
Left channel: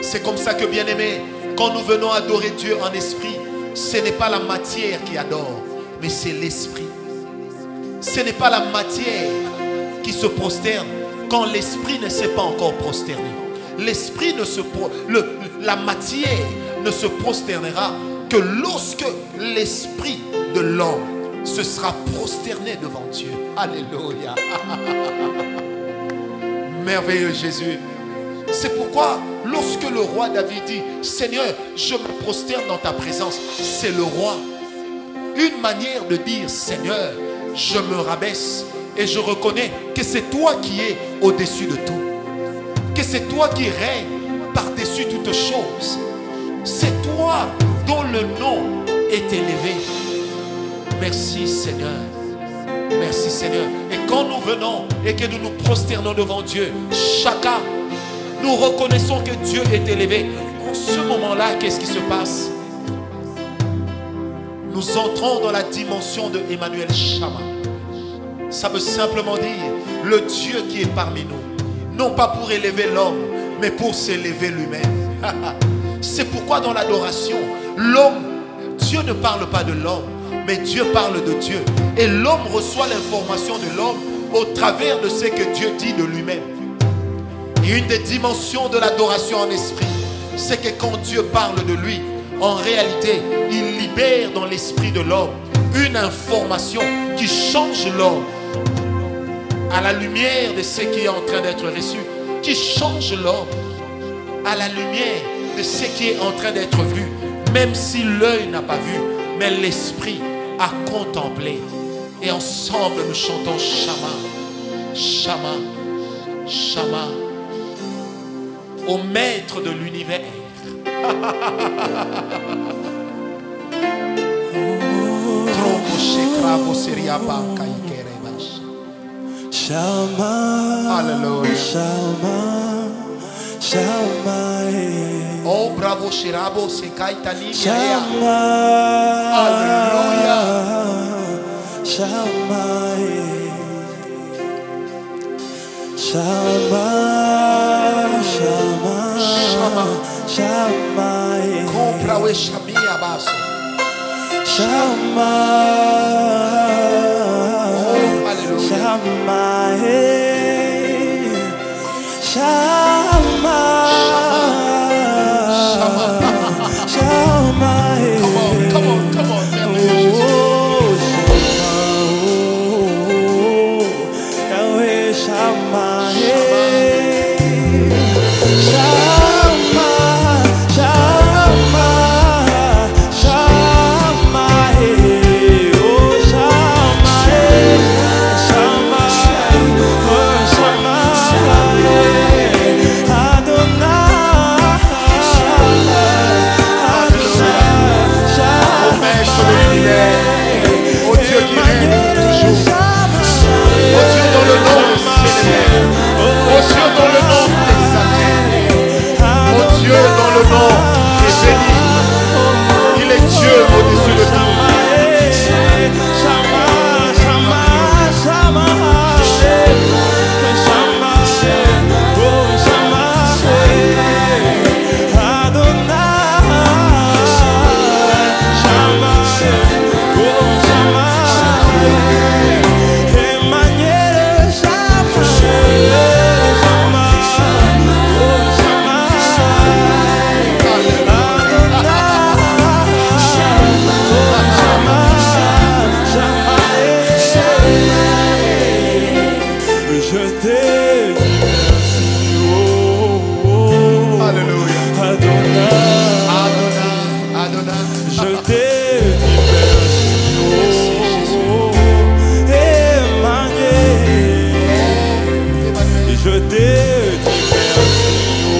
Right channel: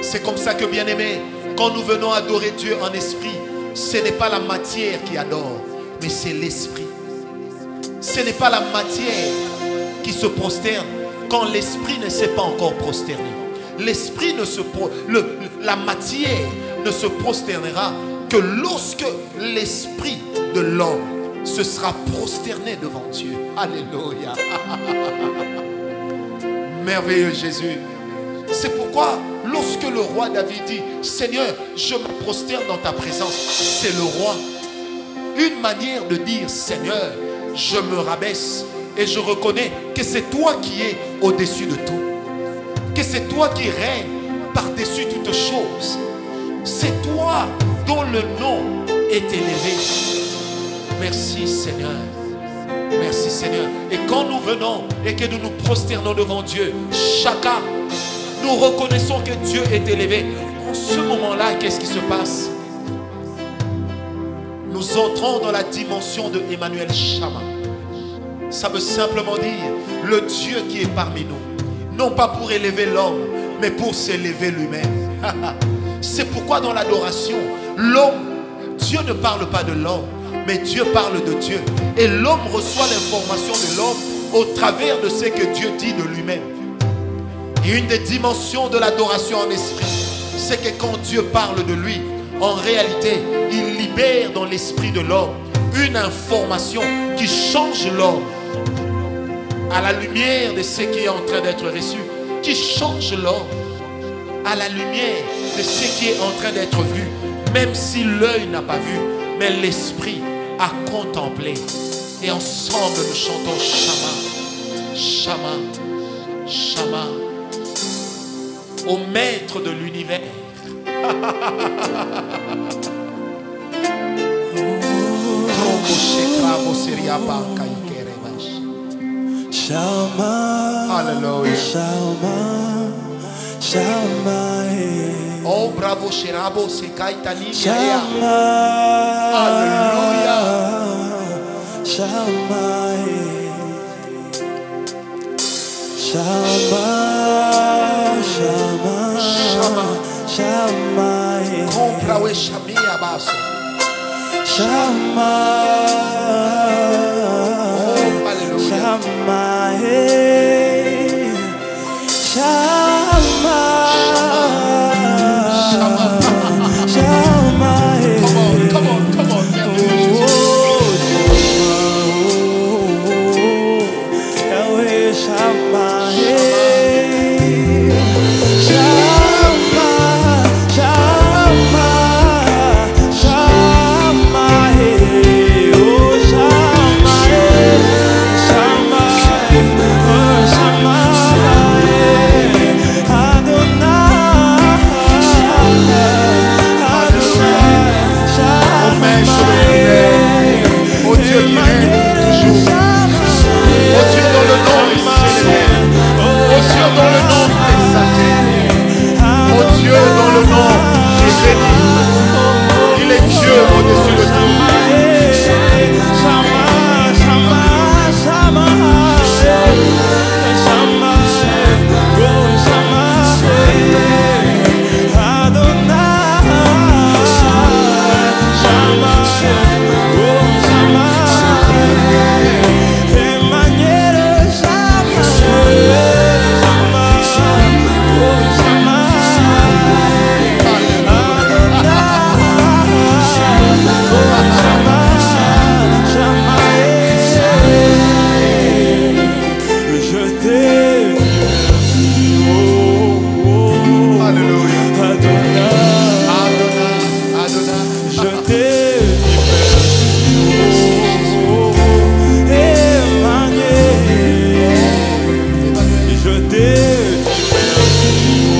C'est comme ça que, bien-aimé, quand nous venons adorer Dieu en esprit, ce n'est pas la matière qui adore, mais c'est l'esprit. Ce n'est pas la matière qui se prosterne quand l'esprit ne s'est pas encore prosterné. L'esprit la matière ne se prosternera que lorsque l'esprit de l'homme se sera prosterné devant Dieu. Alléluia. Merveilleux Jésus. C'est pourquoi lorsque le roi David dit, Seigneur, je me prosterne dans ta présence, c'est le roi. Une manière de dire, Seigneur, je me rabaisse et je reconnais que c'est toi qui es au-dessus de tout. Que c'est toi qui règnes par-dessus toutes choses. C'est toi dont le nom est élevé. Merci Seigneur. Merci Seigneur. Et quand nous venons et que nous nous prosternons devant Dieu, chacun, nous reconnaissons que Dieu est élevé. En ce moment-là, qu'est-ce qui se passe? Nous entrons dans la dimension de Emmanuel Shama. Ça veut simplement dire le Dieu qui est parmi nous. Non pas pour élever l'homme, mais pour s'élever lui-même. C'est pourquoi dans l'adoration, l'homme, Dieu ne parle pas de l'homme, mais Dieu parle de Dieu. Et l'homme reçoit l'information de l'homme au travers de ce que Dieu dit de lui-même. Et une des dimensions de l'adoration en esprit, c'est que quand Dieu parle de lui, en réalité, il libère dans l'esprit de l'homme une information qui change l'homme à la lumière de ce qui est en train d'être reçu, qui change l'homme à la lumière de ce qui est en train d'être vu, même si l'œil n'a pas vu, mais l'esprit a contemplé. Et ensemble nous chantons Shama, Shama, Shama, au maître de l'univers. Shama, Hallelujah. Shama, Shama, Oh bravo Shirabo Sekaitani. Shama, Hallelujah. Shama, Shama, Shama, Shama, Comprawe Shami Abaso. Shama, Oh hallelujah. Shama, Shama, Shama, Come on, merveilleux Jésus. oh Shama, oh Yahweh Shama, Shama, Shama, Shama, oh Shama, Shama, oh Shama, Adonai, Adonai, Au maître de l'univers, au Dieu qui règne pour toujours, au Dieu dont le nom est célébré, au Dieu dont Dieu dont le nom est béni. Il est Dieu au-dessus de tout. Je t'ai dit merci, oh, oh. Alléluia. Adonai. Adonai, Adonai. Je t'ai dit merci, oh, Merci, Jésus. oh, oh. Emmanuel. Oh, Emmanuel. Je t'ai dit merci, oh,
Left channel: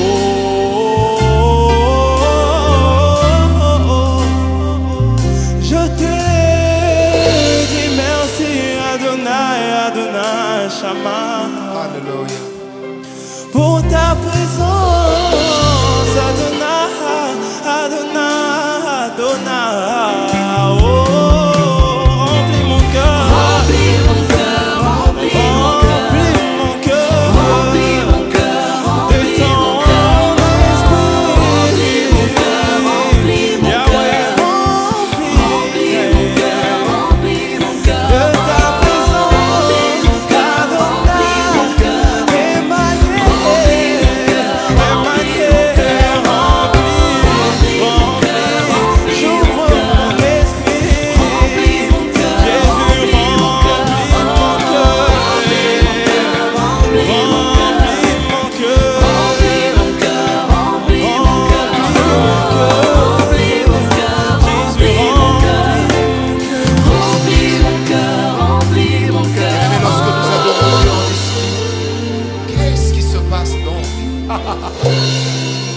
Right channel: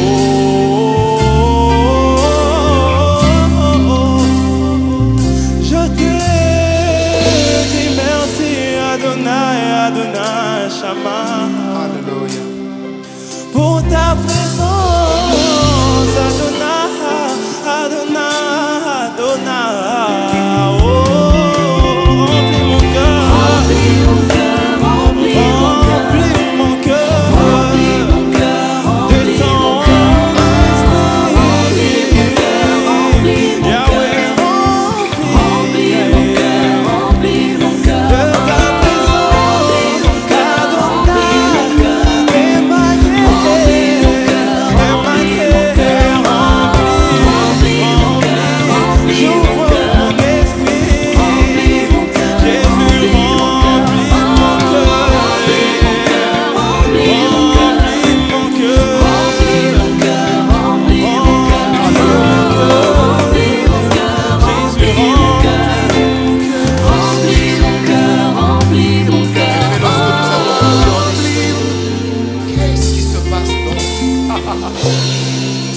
oh, oh, oh. Je t'ai dit merci, Adonai, Adonai, Shama. Alléluia. Pour ta présence, Adonai, Adonai, Adonai. Oh, remplis mon cœur, remplis mon cœur de ton esprit. Yahweh, remplis de ta présence, Adonai, Emmanuel, Emmanuel, remplis, j'ouvre mon esprit, Jésus, remplis mon cœur, remplis mon cœur, remplis mon cœur, Jésus, remplis mon cœur. Bien-aimés, lorsque nous adorons Dieu en esprit, qu'est-ce qui se passe donc?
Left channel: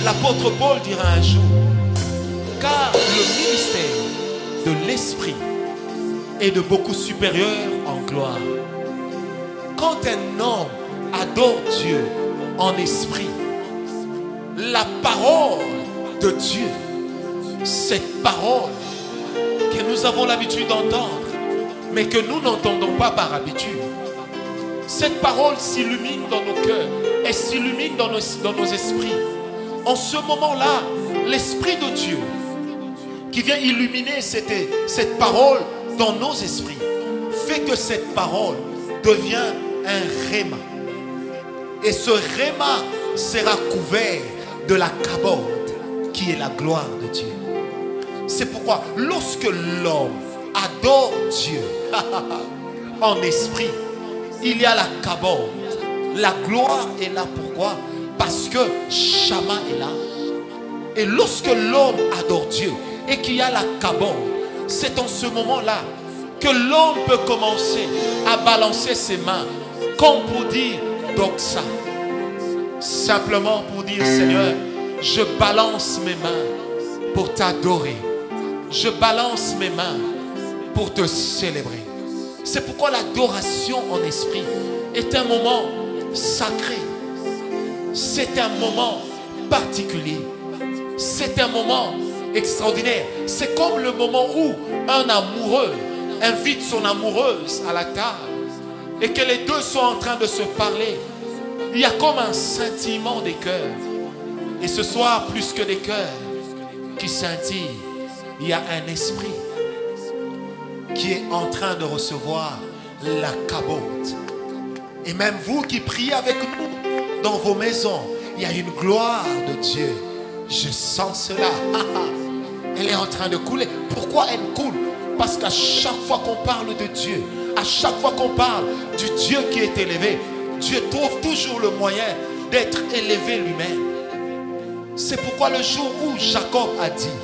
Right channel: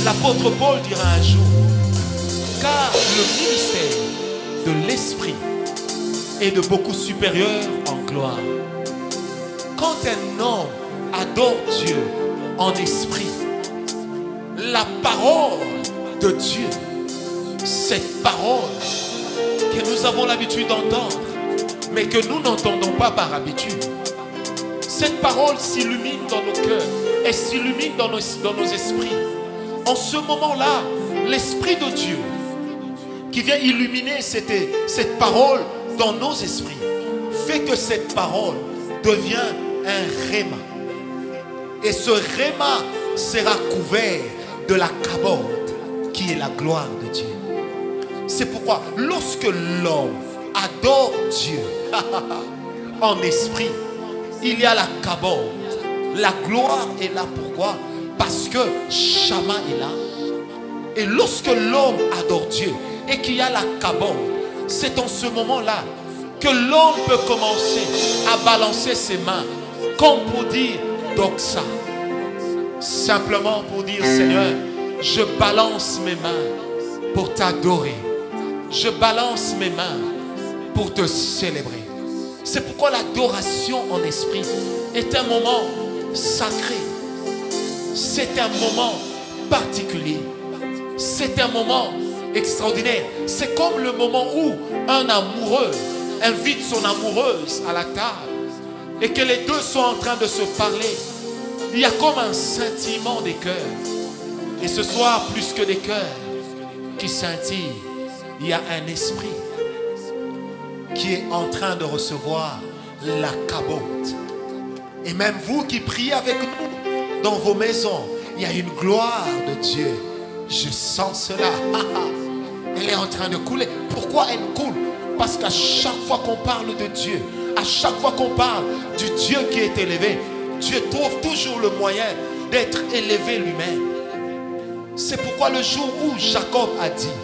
L'apôtre Paul dira un jour, car le ministère de l'esprit est de beaucoup supérieur en gloire. Quand un homme adore Dieu en esprit, la parole de Dieu, cette parole que nous avons l'habitude d'entendre, mais que nous n'entendons pas par habitude, cette parole s'illumine dans nos cœurs et s'illumine dans nos esprits. En ce moment-là, l'Esprit de Dieu qui vient illuminer cette parole dans nos esprits fait que cette parole devient un réma. Et ce réma sera couvert de la kabod qui est la gloire de Dieu. C'est pourquoi lorsque l'homme adore Dieu en esprit, il y a la kabod. La gloire est là. Pourquoi? Parce que Shama est là. Et lorsque l'homme adore Dieu et qu'il y a la kabod, c'est en ce moment-là que l'homme peut commencer à balancer ses mains comme pour dire doxa. Simplement pour dire, Seigneur, je balance mes mains pour t'adorer. Je balance mes mains pour te célébrer. C'est pourquoi l'adoration en esprit est un moment sacré. C'est un moment particulier. C'est un moment extraordinaire. C'est comme le moment où un amoureux invite son amoureuse à la table et que les deux sont en train de se parler. Il y a comme un scintillement des cœurs. Et ce soir, plus que des cœurs qui scintillent, il y a un esprit qui est en train de recevoir la kabod. Et même vous qui priez avec nous dans vos maisons, il y a une gloire de Dieu. Je sens cela. Elle est en train de couler. Pourquoi elle coule? Parce qu'à chaque fois qu'on parle de Dieu, à chaque fois qu'on parle du Dieu qui est élevé, Dieu trouve toujours le moyen d'être élevé lui-même. C'est pourquoi le jour où Jacob a dit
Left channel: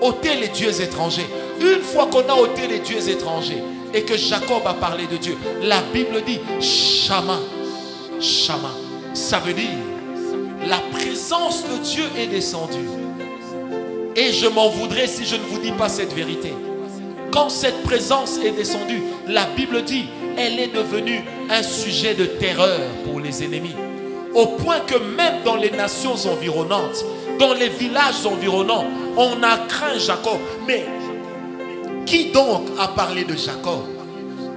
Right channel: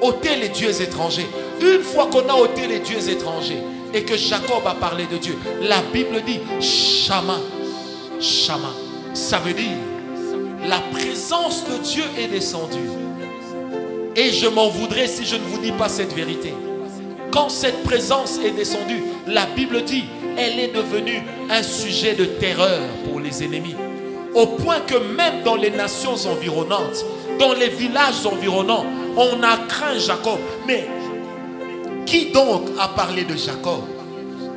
ôtez les dieux étrangers, une fois qu'on a ôté les dieux étrangers et que Jacob a parlé de Dieu, la Bible dit Shama. Shama, ça veut dire la présence de Dieu est descendue. Et je m'en voudrais si je ne vous dis pas cette vérité. Quand cette présence est descendue, la Bible dit, elle est devenue un sujet de terreur pour les ennemis. Au point que même dans les nations environnantes, dans les villages environnants, on a craint Jacob. Mais qui donc a parlé de Jacob?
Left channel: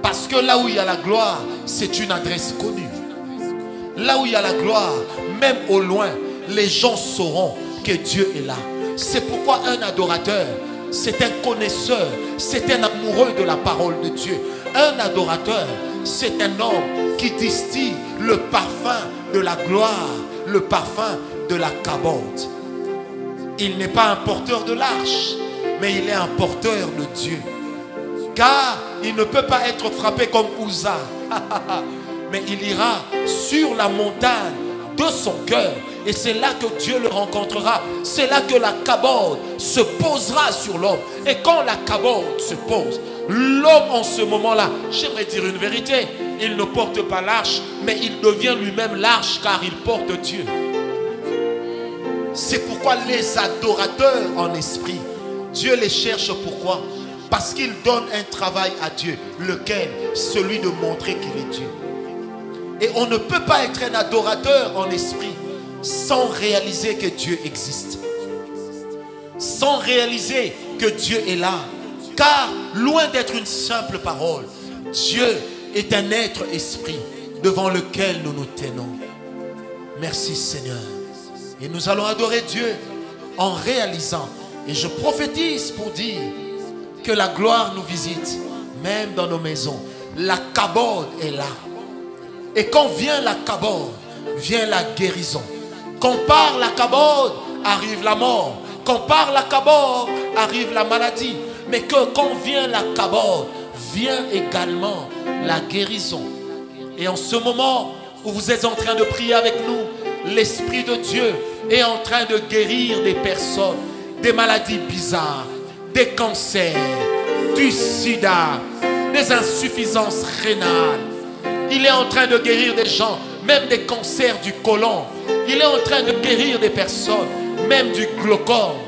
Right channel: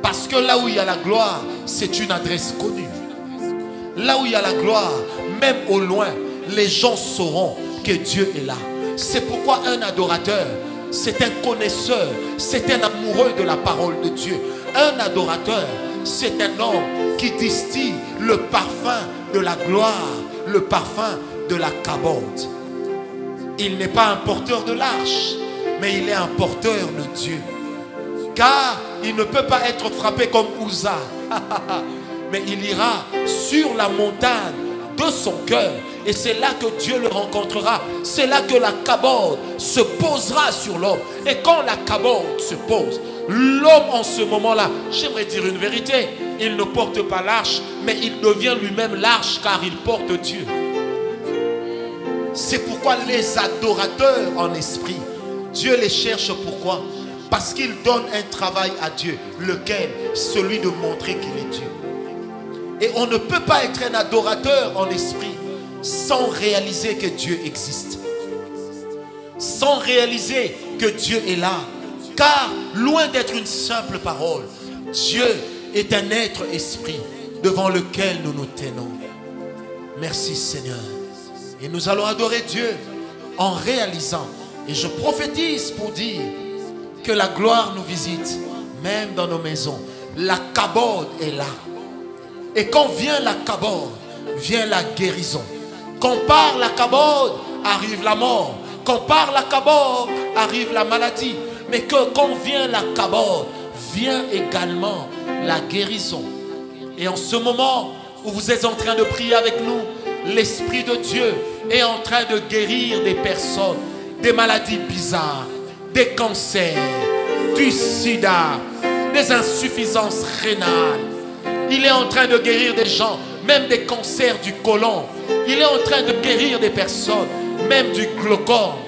Parce que là où il y a la gloire, c'est une adresse connue. Là où il y a la gloire, même au loin, les gens sauront que Dieu est là. C'est pourquoi un adorateur, c'est un connaisseur, c'est un amoureux de la parole de Dieu. Un adorateur, c'est un homme qui distille le parfum de la gloire, le parfum de la kabod. Il n'est pas un porteur de l'arche, mais il est un porteur de Dieu. Car il ne peut pas être frappé comme Uza. Mais il ira sur la montagne de son cœur. Et c'est là que Dieu le rencontrera. C'est là que la kabod se posera sur l'homme. Et quand la kabod se pose, l'homme en ce moment-là, j'aimerais dire une vérité, il ne porte pas l'arche, mais il devient lui-même l'arche car il porte Dieu. C'est pourquoi les adorateurs en esprit, Dieu les cherche. Pourquoi? Parce qu'il donne un travail à Dieu, lequel? Celui de montrer qu'il est Dieu. Et on ne peut pas être un adorateur en esprit sans réaliser que Dieu existe. Sans réaliser que Dieu est là. Car loin d'être une simple parole, Dieu est un être esprit devant lequel nous nous tenons. Merci Seigneur. Et nous allons adorer Dieu en réalisant. Et je prophétise pour dire que la gloire nous visite, même dans nos maisons. La kabod est là. Et quand vient la kabod, vient la guérison. Quand part la kabod, arrive la mort. Quand part la kabod, arrive la maladie. Mais que quand vient la kabod, vient également la guérison. Et en ce moment où vous êtes en train de prier avec nous, l'Esprit de Dieu est en train de guérir des personnes, des maladies bizarres, des cancers, du sida, des insuffisances rénales. Il est en train de guérir des gens, même des cancers du côlon. Il est en train de guérir des personnes, même du glaucome.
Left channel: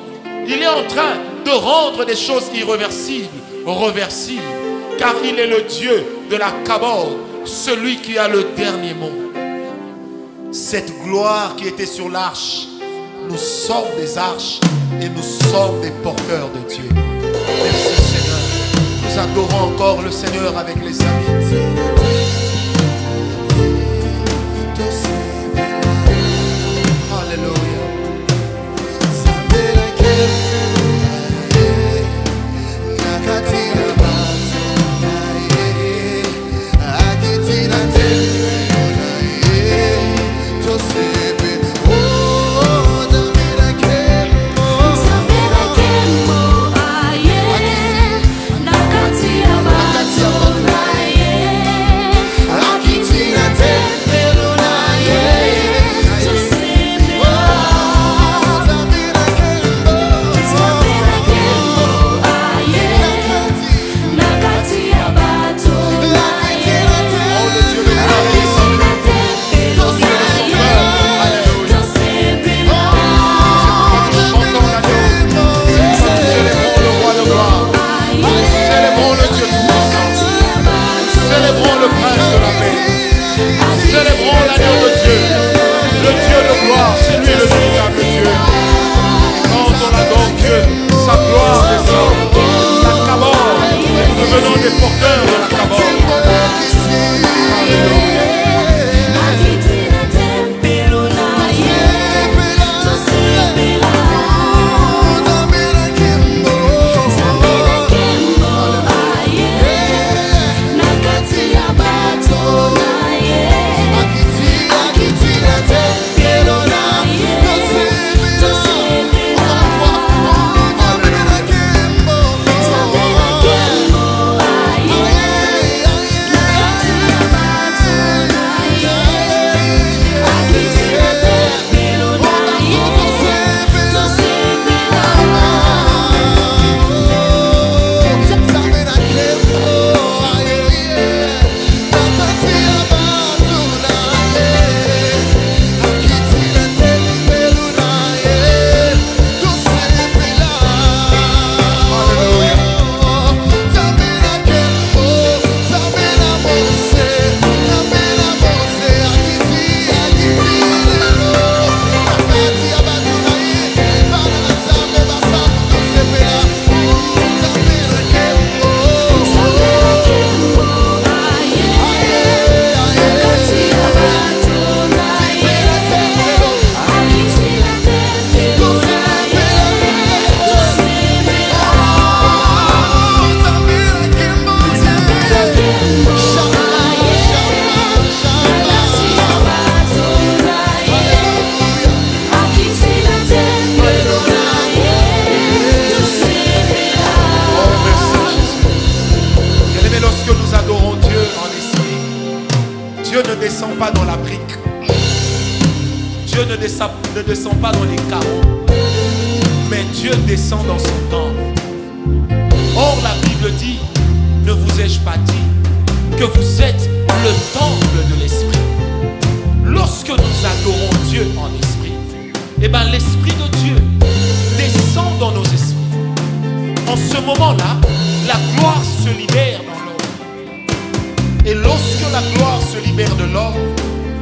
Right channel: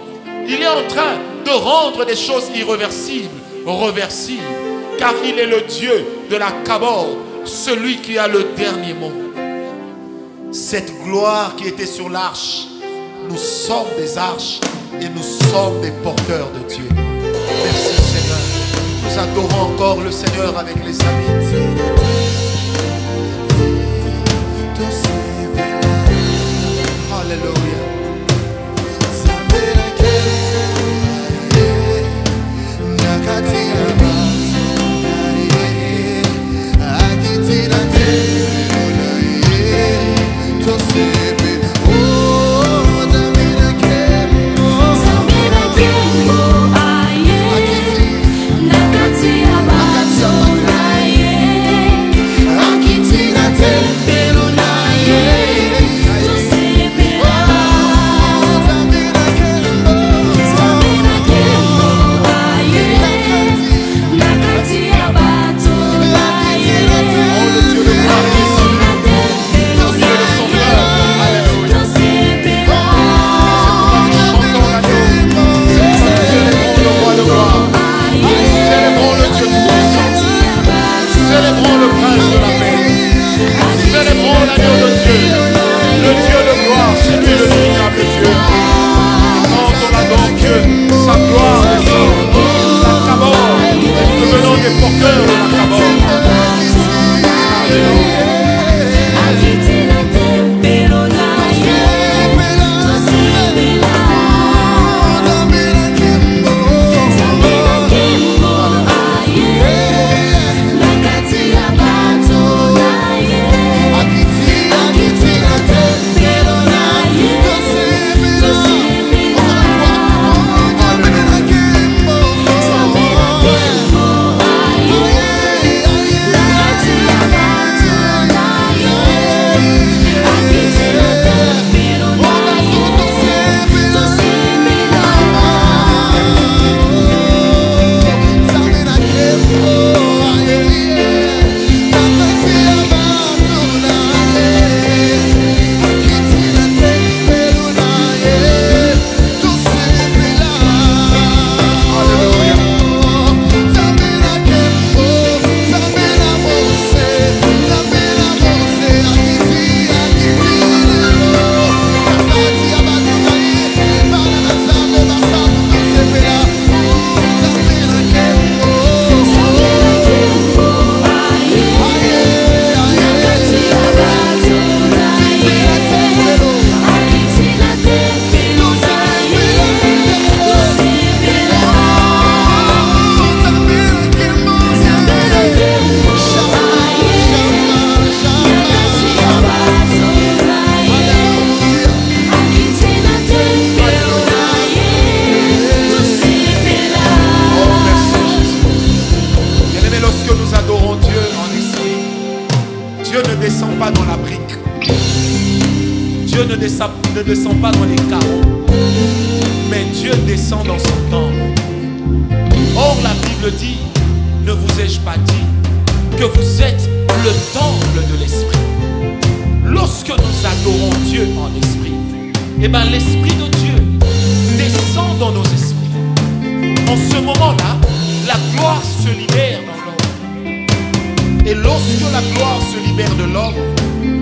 Il est en train de rendre des choses irréversibles, reversibles. Car il est le Dieu de la kabod, celui qui a le dernier mot. Cette gloire qui était sur l'arche, nous sommes des arches et nous sommes des porteurs de Dieu. Merci Seigneur. Nous adorons encore le Seigneur avec les amis. Alléluia. Célébrons le prince de la paix. Célébrons l'agneau de Dieu. Le Dieu de gloire, c'est lui le véritable Dieu. Et quand on adore Dieu, sa gloire descend. La kabod, et nous devenons des porteurs de la kabod. Alléluia. adorons Dieu en esprit, Dieu ne descend pas dans la brique. Dieu ne descend pas dans les carreaux, mais Dieu descend dans son temple. Or la Bible dit, ne vous ai-je pas dit que vous êtes le temple de l'esprit? Lorsque nous adorons Dieu en esprit, eh bien l'esprit de Dieu descend dans nos esprits. En ce moment-là, la gloire se libère dans l'homme. Et lorsque la gloire se libère de l'homme,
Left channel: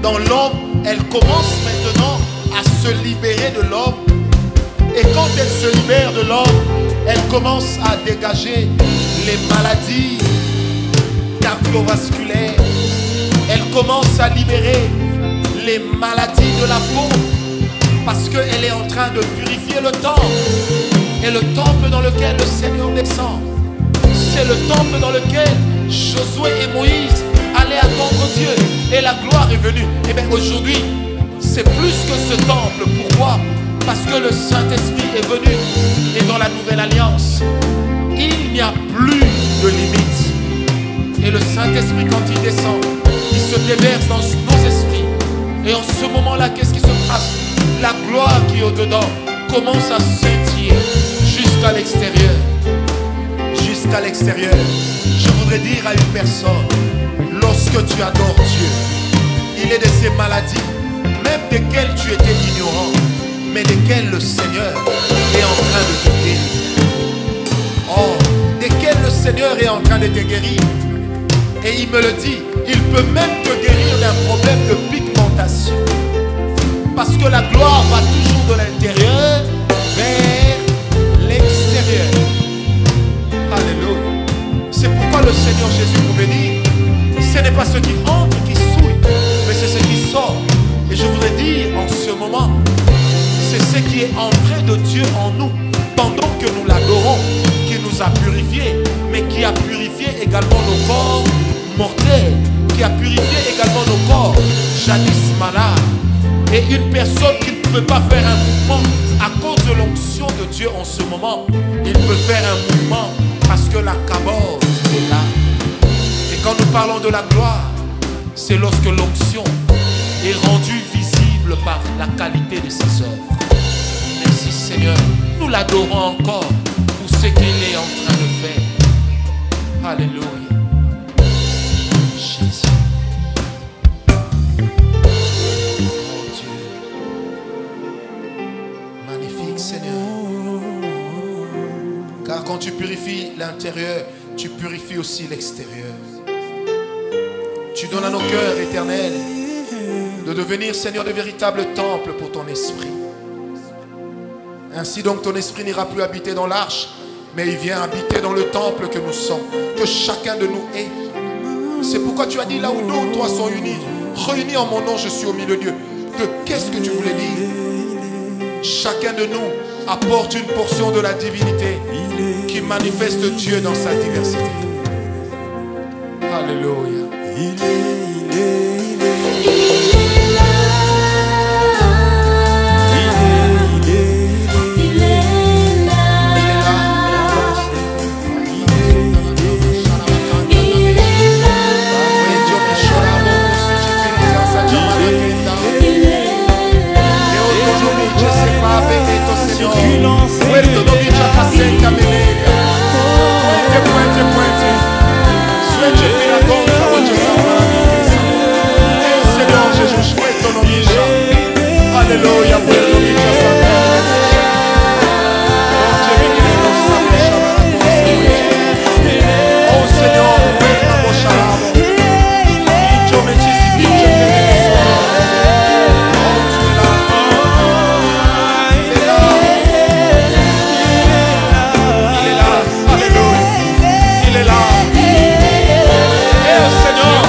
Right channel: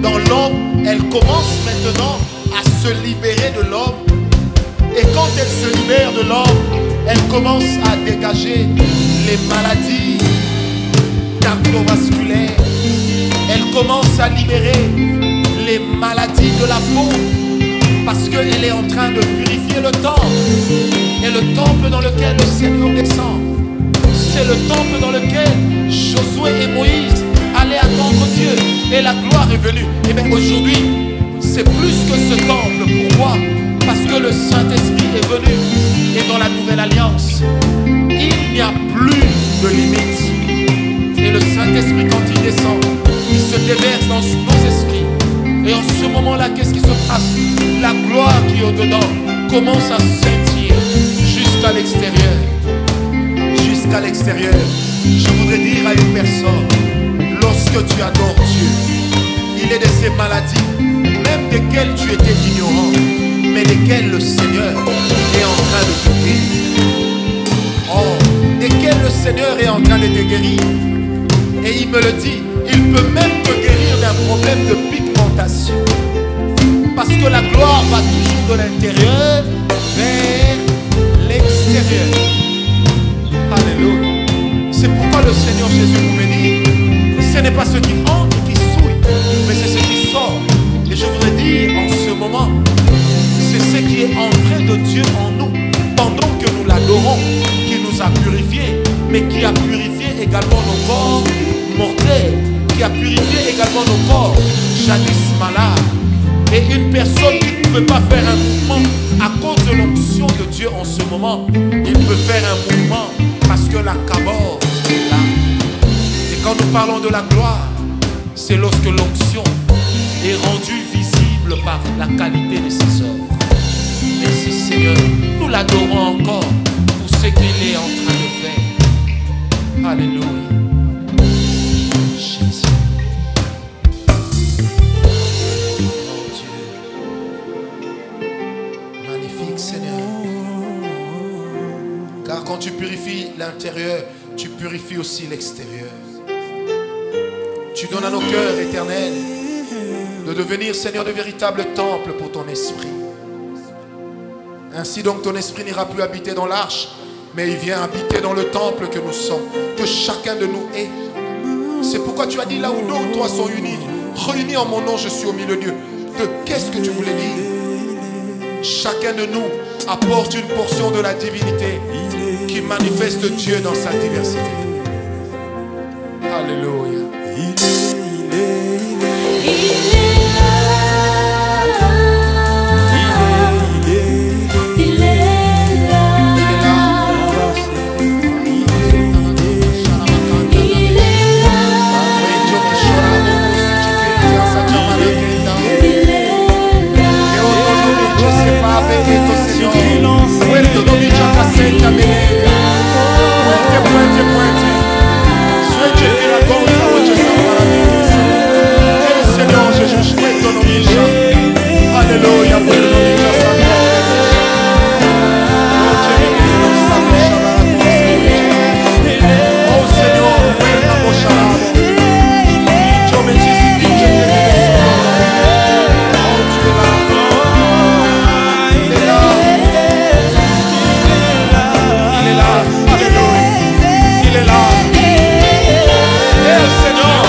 dans l'homme, elle commence maintenant à se libérer de l'homme. Et quand elle se libère de l'homme, elle commence à dégager les maladies cardiovasculaires. Elle commence à libérer les maladies de la peau, parce qu'elle est en train de purifier le temple. Et le temple dans lequel le Seigneur descend, c'est le temple dans lequel Josué et Moïse allaient attendre Dieu. Et la gloire est venue. Et bien aujourd'hui, c'est plus que ce temple. Pourquoi? Parce que le Saint-Esprit est venu. Et dans la nouvelle alliance, il n'y a plus de limite. Et le Saint-Esprit, quand il descend, il se déverse dans nos esprits. Et en ce moment-là, qu'est-ce qui se passe? La gloire qui est au-dedans commence à scintiller jusqu'à l'extérieur. Jusqu'à l'extérieur. Je voudrais dire à une personne, lorsque tu adores Dieu, il est de ces maladies, même desquelles tu étais ignorant, mais desquelles le Seigneur est en train de te guérir. Oh, desquelles le Seigneur est en train de te guérir. Et il me le dit, il peut même te guérir d'un problème de pigmentation. Parce que la gloire va toujours de l'intérieur vers l'extérieur. Alléluia. C'est pourquoi le Seigneur Jésus pouvait dire, ce n'est pas ce qui entre qui souille, mais c'est ce qui sort. Et je voudrais dire en ce moment, c'est ce qui est entré de Dieu en nous, pendant que nous l'adorons, qui nous a purifiés, mais qui a purifié également nos corps mortels, qui a purifié également nos corps jadis malades. Et une personne qui ne pouvait pas faire un mouvement à cause de l'onction de Dieu en ce moment, il peut faire un mouvement parce que la cabote est là. Et quand nous parlons de la gloire, c'est lorsque l'onction est rendue visible par la qualité de ses œuvres. Merci Seigneur, nous l'adorons encore pour ce qu'il est en train de faire. Alléluia. Jésus. Oh Dieu. Magnifique Seigneur. Car quand tu purifies l'intérieur, tu purifies aussi l'extérieur. Tu donnes à nos cœurs éternels de devenir, Seigneur, de véritables temples pour ton esprit. Ainsi donc ton esprit n'ira plus habiter dans l'arche, mais il vient habiter dans le temple que nous sommes, que chacun de nous est. C'est pourquoi tu as dit, là où deux ou trois sont unis, réunis en mon nom, je suis au milieu d'eux. Qu'est-ce que tu voulais dire? Chacun de nous apporte une portion de la divinité qui manifeste Dieu dans sa diversité. Alléluia. Il est Alléluia. Oh Seigneur,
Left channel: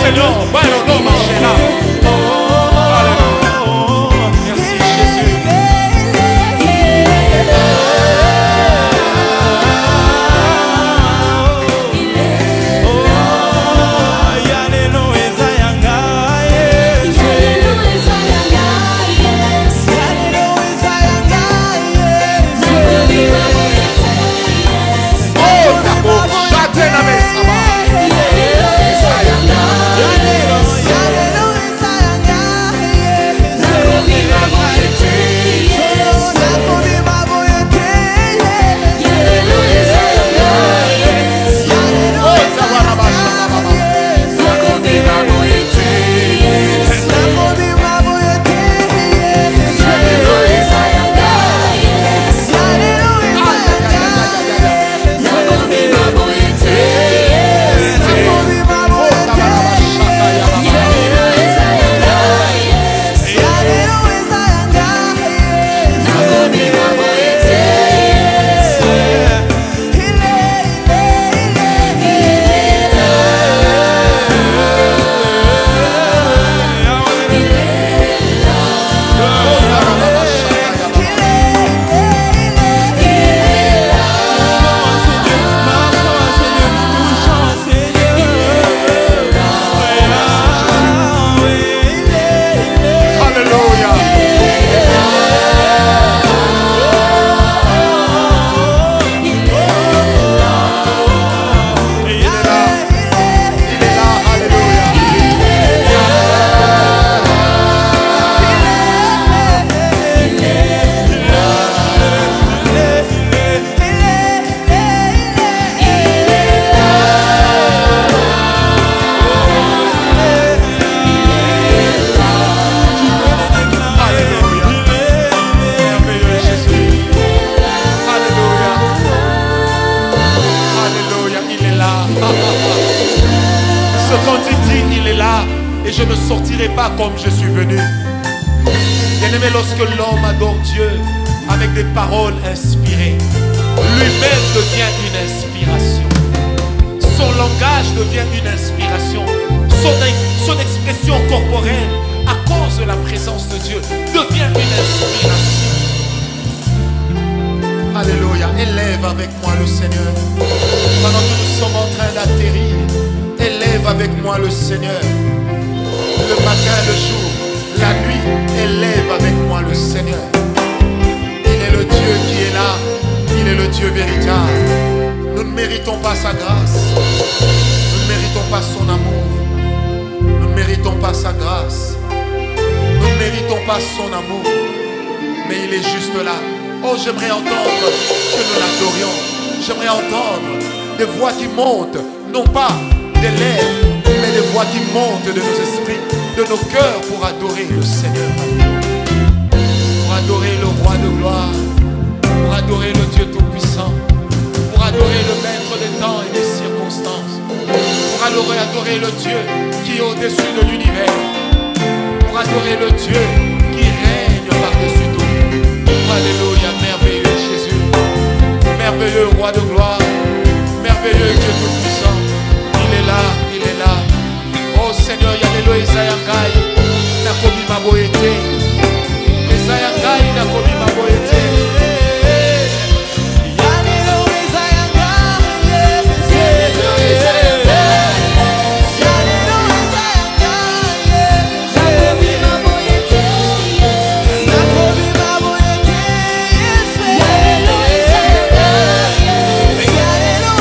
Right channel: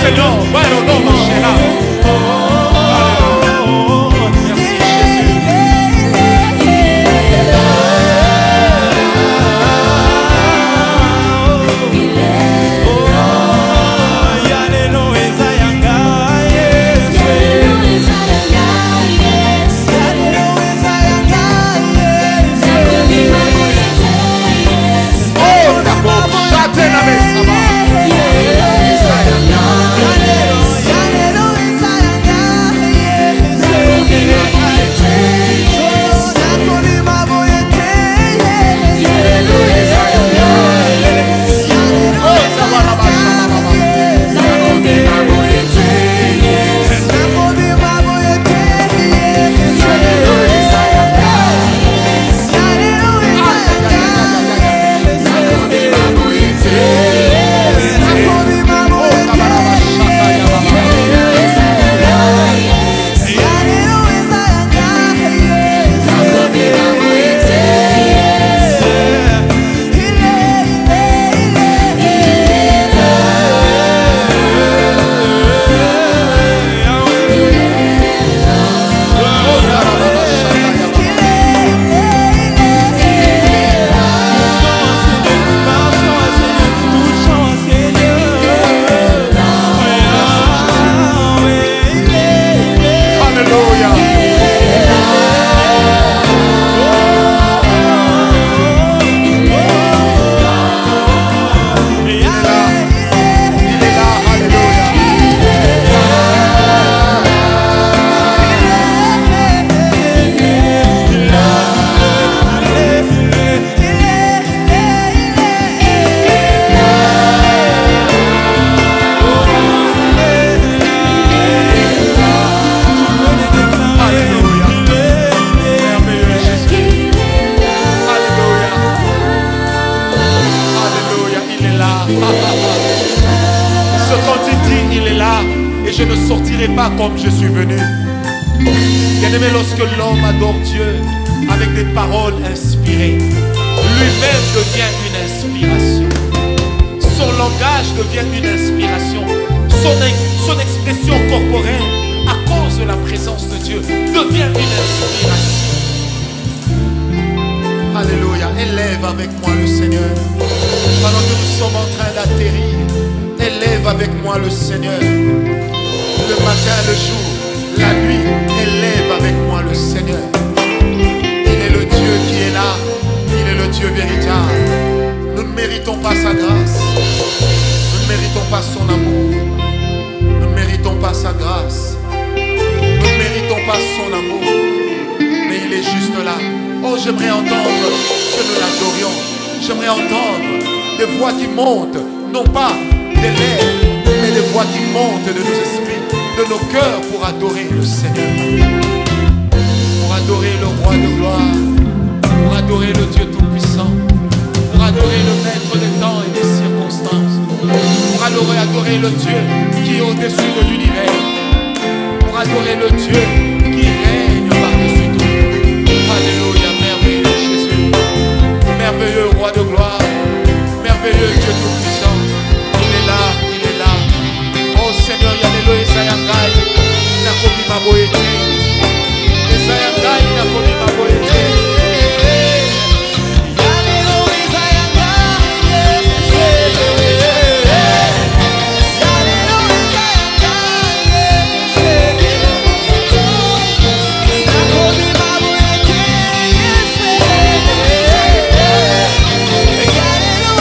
Seigneur, bueno, no marcherà. Alléluia. Merci Jésus. Oh, d'abord, châtez la maison. Ce quand il dit, il est là, et je ne sortirai pas comme je suis venu. Bien-aimé, lorsque l'homme adore Dieu avec des paroles inspirées, lui-même devient une inspiration. Son langage devient une inspiration. Son expression corporelle, à cause de la présence de Dieu, devient une inspiration. Alléluia. Élève avec moi le Seigneur. Pendant que nous sommes en train d'atterrir, élève avec moi le Seigneur. Le matin, le jour, la nuit, élève avec moi le Seigneur. Il est le Dieu qui est là. Il est le Dieu véritable. Nous ne méritons pas sa grâce. Nous ne méritons pas son amour. Nous ne méritons pas sa grâce. Nous ne méritons pas son amour. Mais il est juste là. Oh, j'aimerais entendre que nous l'adorions. J'aimerais entendre des voix qui montent, non pas des lèvres, mais des voix qui montent de nos esprits, de nos cœurs, pour adorer le Seigneur. Alléluia. Pour adorer le roi de gloire, pour adorer le Dieu tout-puissant, pour adorer le maître des temps et des circonstances, pour adorer le Dieu qui est au-dessus de l'univers, pour adorer le Dieu qui règne par-dessus tout. Alléluia, merveilleux Jésus, merveilleux roi de gloire, merveilleux Dieu tout-puissant. Il est là, il est là. Oh Seigneur, yalelo ezayangai nakobi maboyete. Ezayangai nakobi maboyete. Yalelo ezayangai. Yalelo ezayangai. Nakobi maboyete. Yalelo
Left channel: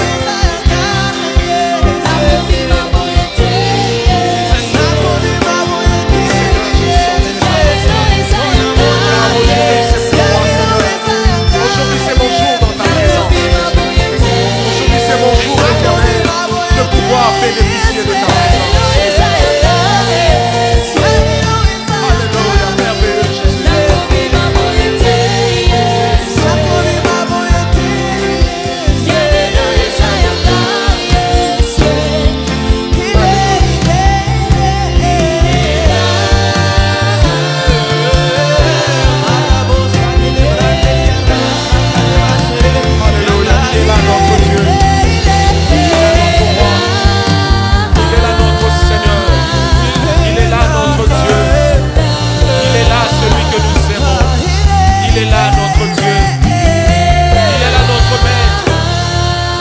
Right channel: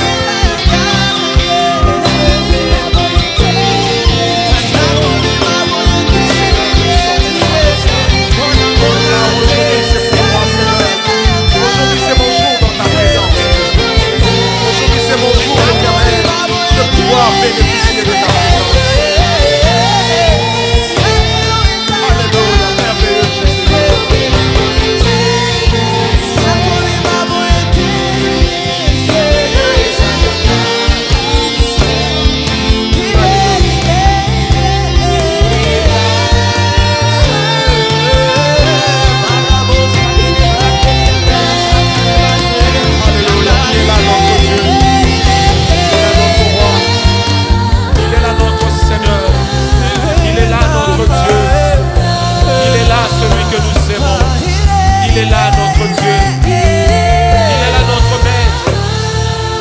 Aujourd'hui c'est mon jour dans ta présence, Jésus. Aujourd'hui c'est mon jour éternel de pouvoir bénéficier de ta présence. Alléluia, merveilleux Jésus. Notre Dieu, il est là notre roi, il est là notre Seigneur, il est là notre Dieu, il est là celui que nous aimons, il est là notre Dieu, il est là notre maître.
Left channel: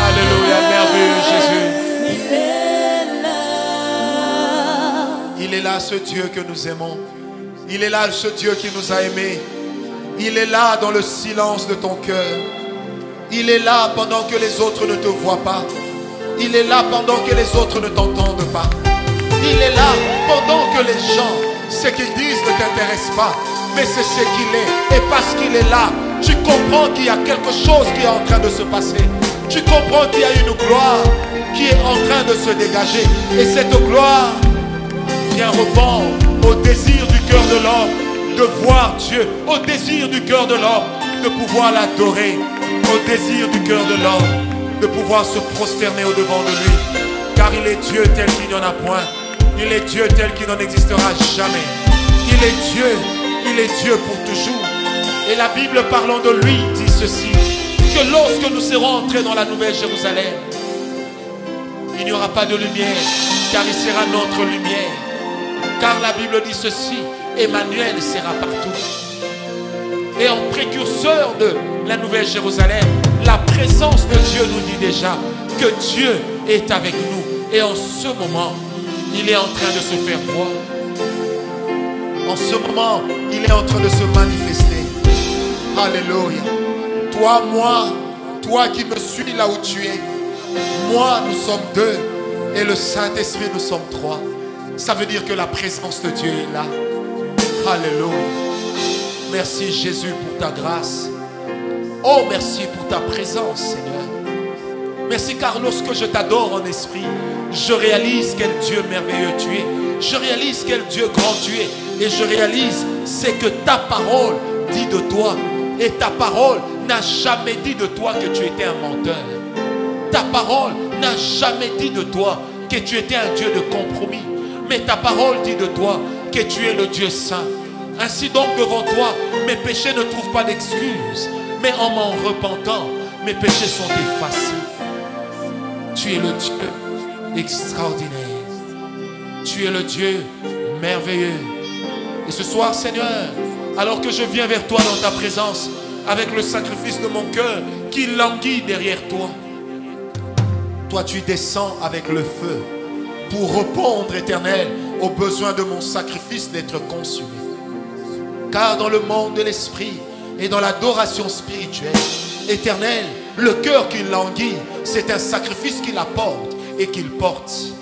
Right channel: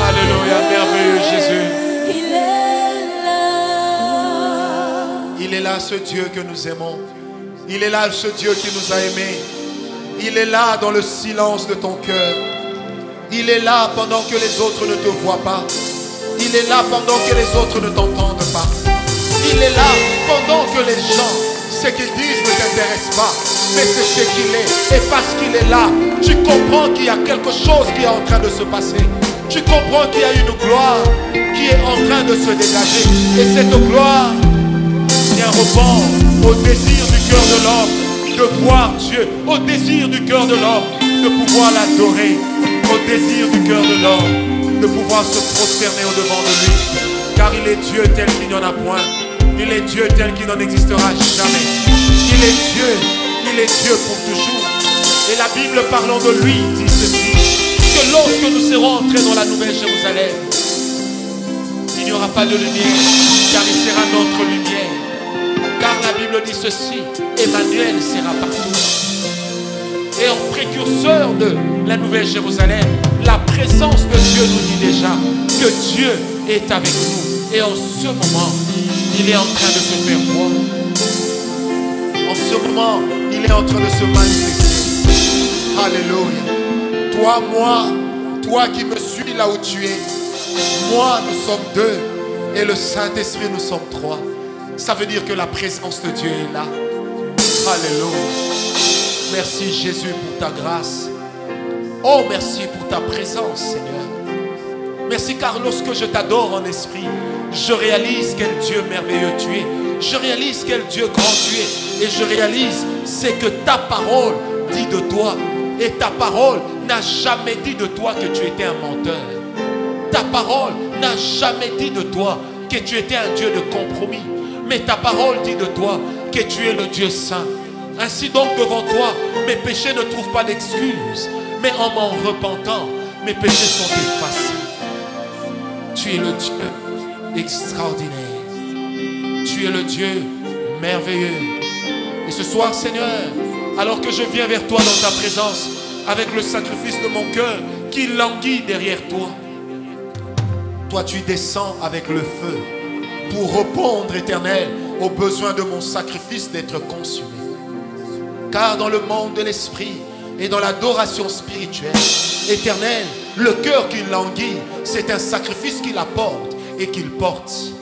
Alléluia, merveilleux Jésus. Il est là ce Dieu que nous aimons, il est là ce Dieu qui nous a aimés, il est là dans le silence de ton cœur. Il est là pendant que les autres ne te voient pas. Il est là pendant que les autres ne t'entendent pas. Il est là pendant que les gens, ce qu'ils disent ne t'intéresse pas. Mais c'est ce qu'il est. Et parce qu'il est là, tu comprends qu'il y a quelque chose qui est en train de se passer. Tu comprends qu'il y a une gloire qui est en train de se dégager. Et cette gloire vient répondre au désir du cœur de l'homme de voir Dieu. Au désir du cœur de l'homme de pouvoir l'adorer. Au désir du cœur de l'homme de pouvoir se prosterner au devant de lui, car il est Dieu tel qu'il n'y en a point, il est Dieu tel qu'il n'en existera jamais, il est Dieu pour toujours. Et la Bible parlant de lui dit ceci, que lorsque nous serons entrés dans la nouvelle Jérusalem, il n'y aura pas de lumière, car il sera notre lumière, car la Bible dit ceci, Emmanuel sera partout. Et en précurseur de la Nouvelle Jérusalem, la présence de Dieu nous dit déjà que Dieu est avec nous. Et en ce moment, il est en train de se faire voir. En ce moment, il est en train de se manifester. Alléluia. Toi, moi, toi qui me suis là où tu es. Moi, nous sommes deux. Et le Saint-Esprit, nous sommes trois. Ça veut dire que la présence de Dieu est là. Alléluia. Merci Jésus pour ta grâce. Oh, merci pour ta présence, Seigneur. Merci car lorsque je t'adore en esprit, je réalise quel Dieu merveilleux tu es. Je réalise quel Dieu grand tu es. Et je réalise c'est que ta parole dit de toi. Et ta parole n'a jamais dit de toi que tu étais un menteur. Ta parole n'a jamais dit de toi que tu étais un Dieu de compromis. Mais ta parole dit de toi que tu es le Dieu saint. Ainsi donc devant toi, mes péchés ne trouvent pas d'excuses. Mais en m'en repentant, mes péchés sont effacés. Tu es le Dieu extraordinaire. Tu es le Dieu merveilleux. Et ce soir, Seigneur, alors que je viens vers toi dans ta présence, avec le sacrifice de mon cœur qui languit derrière toi, toi tu descends avec le feu pour répondre, Éternel, aux besoins de mon sacrifice d'être consumé. Car dans le monde de l'esprit et dans l'adoration spirituelle, Éternel, le cœur qui languit, c'est un sacrifice qu'il apporte et qu'il porte.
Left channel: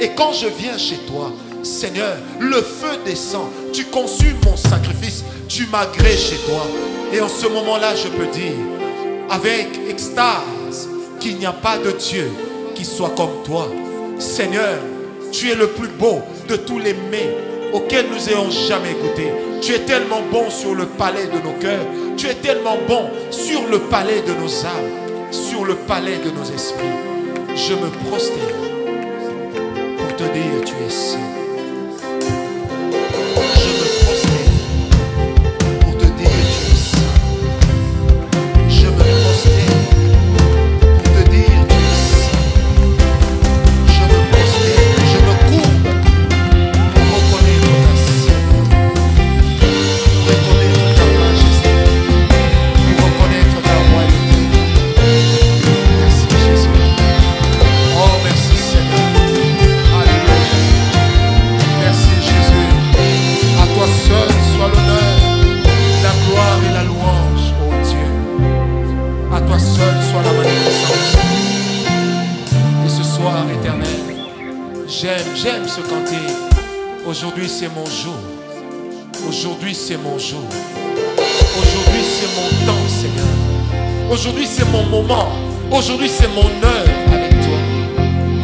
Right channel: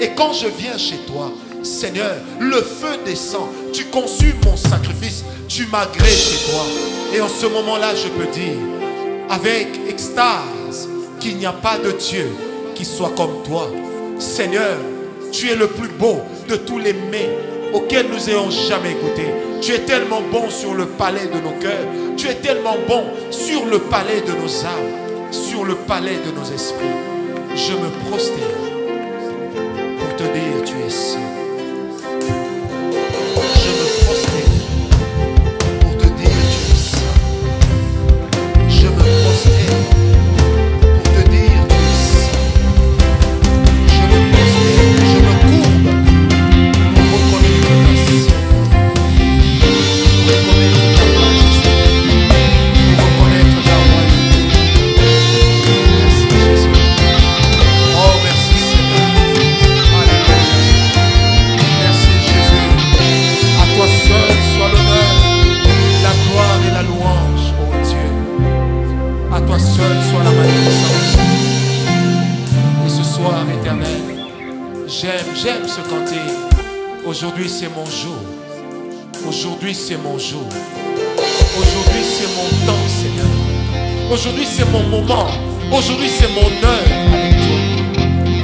Et quand je viens chez toi, Seigneur, le feu descend, tu consumes mon sacrifice, tu m'agrées chez toi. Et en ce moment-là, je peux dire, avec extase, qu'il n'y a pas de Dieu qui soit comme toi. Seigneur, tu es le plus beau de tous les mets auxquels nous ayons jamais goûté. Tu es tellement bon sur le palais de nos cœurs. Tu es tellement bon sur le palais de nos âmes, sur le palais de nos esprits. Je me prosterne pour te dire tu es saint. Je me prosterne pour te dire tu es saint. Je me prosterne pour te dire tu es saint. Je me prosterne, je me courbe pour reconnaître ta sainteté, pour reconnaître ta majesté, pour reconnaître ta royauté. Merci Jésus. Oh merci Seigneur. Alléluia. Merci Jésus. À toi seul soit l'honneur, la gloire et la louange, ô Dieu. À toi seul soit la magnificence. Et ce soir, Éternel, j'aime ce cantique. Aujourd'hui, c'est mon jour. Aujourd'hui, c'est mon jour. Aujourd'hui, c'est mon temps, Seigneur. Aujourd'hui, c'est mon moment. Aujourd'hui, c'est mon heure avec toi.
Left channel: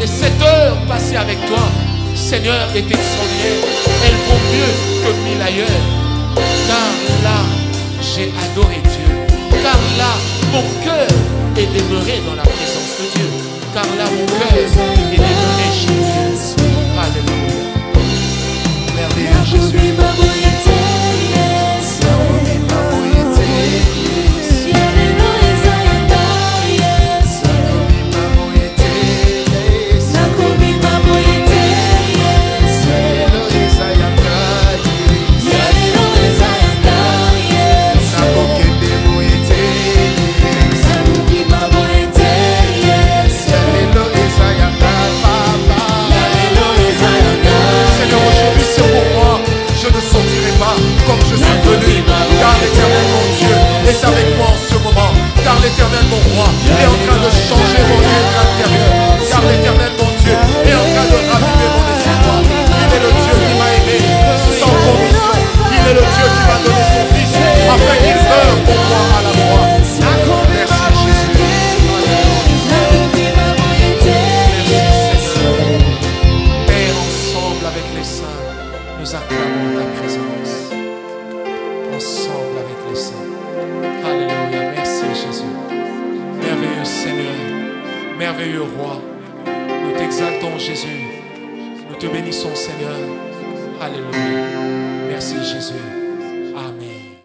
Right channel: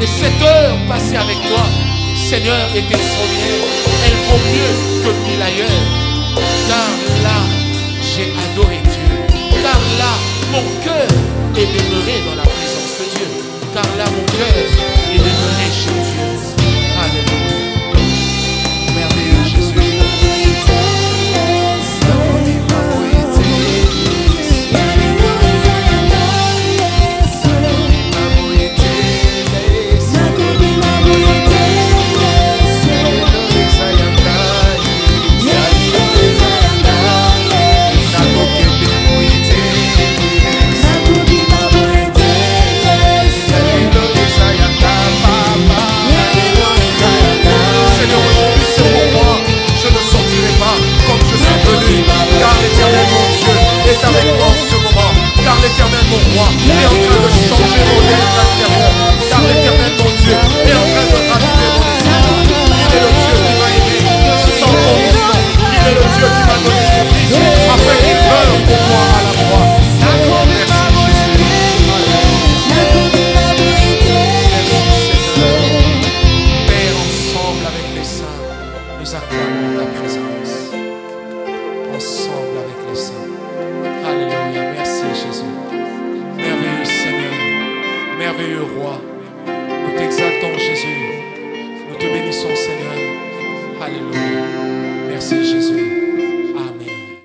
Et cette heure passée avec toi, Seigneur, est extraordinaire. Elle vaut mieux que 1000 ailleurs. Car là, j'ai adoré Dieu. Car là, mon cœur est demeuré dans la présence de Dieu. Car là, mon cœur est demeuré chez Dieu. Alléluia. Merveilleux Jésus. Seigneur, aujourd'hui c'est pour moi. Je ne sortirai pas comme je suis venu. Car l'Éternel mon Dieu est avec moi en ce moment. Car l'Éternel mon roi est en train de changer mon être intérieur. Car l'Éternel mon Dieu est en train de raviver mon espoir. Il est le Dieu qui m'a aimé sans condition. Il est le Dieu qui m'a donné son Fils afin qu'il meure pour moi à la croix. Merci Jésus. Alléluia. Merci Seigneur. Père, ensemble avec les saints, nous acclamons ta présence. Ensemble avec les saints. Alléluia. Merci Jésus. Merveilleux Seigneur. Merveilleux Roi. Nous t'exaltons Jésus. Nous te bénissons Seigneur. Alléluia. Merci Jésus. Amen.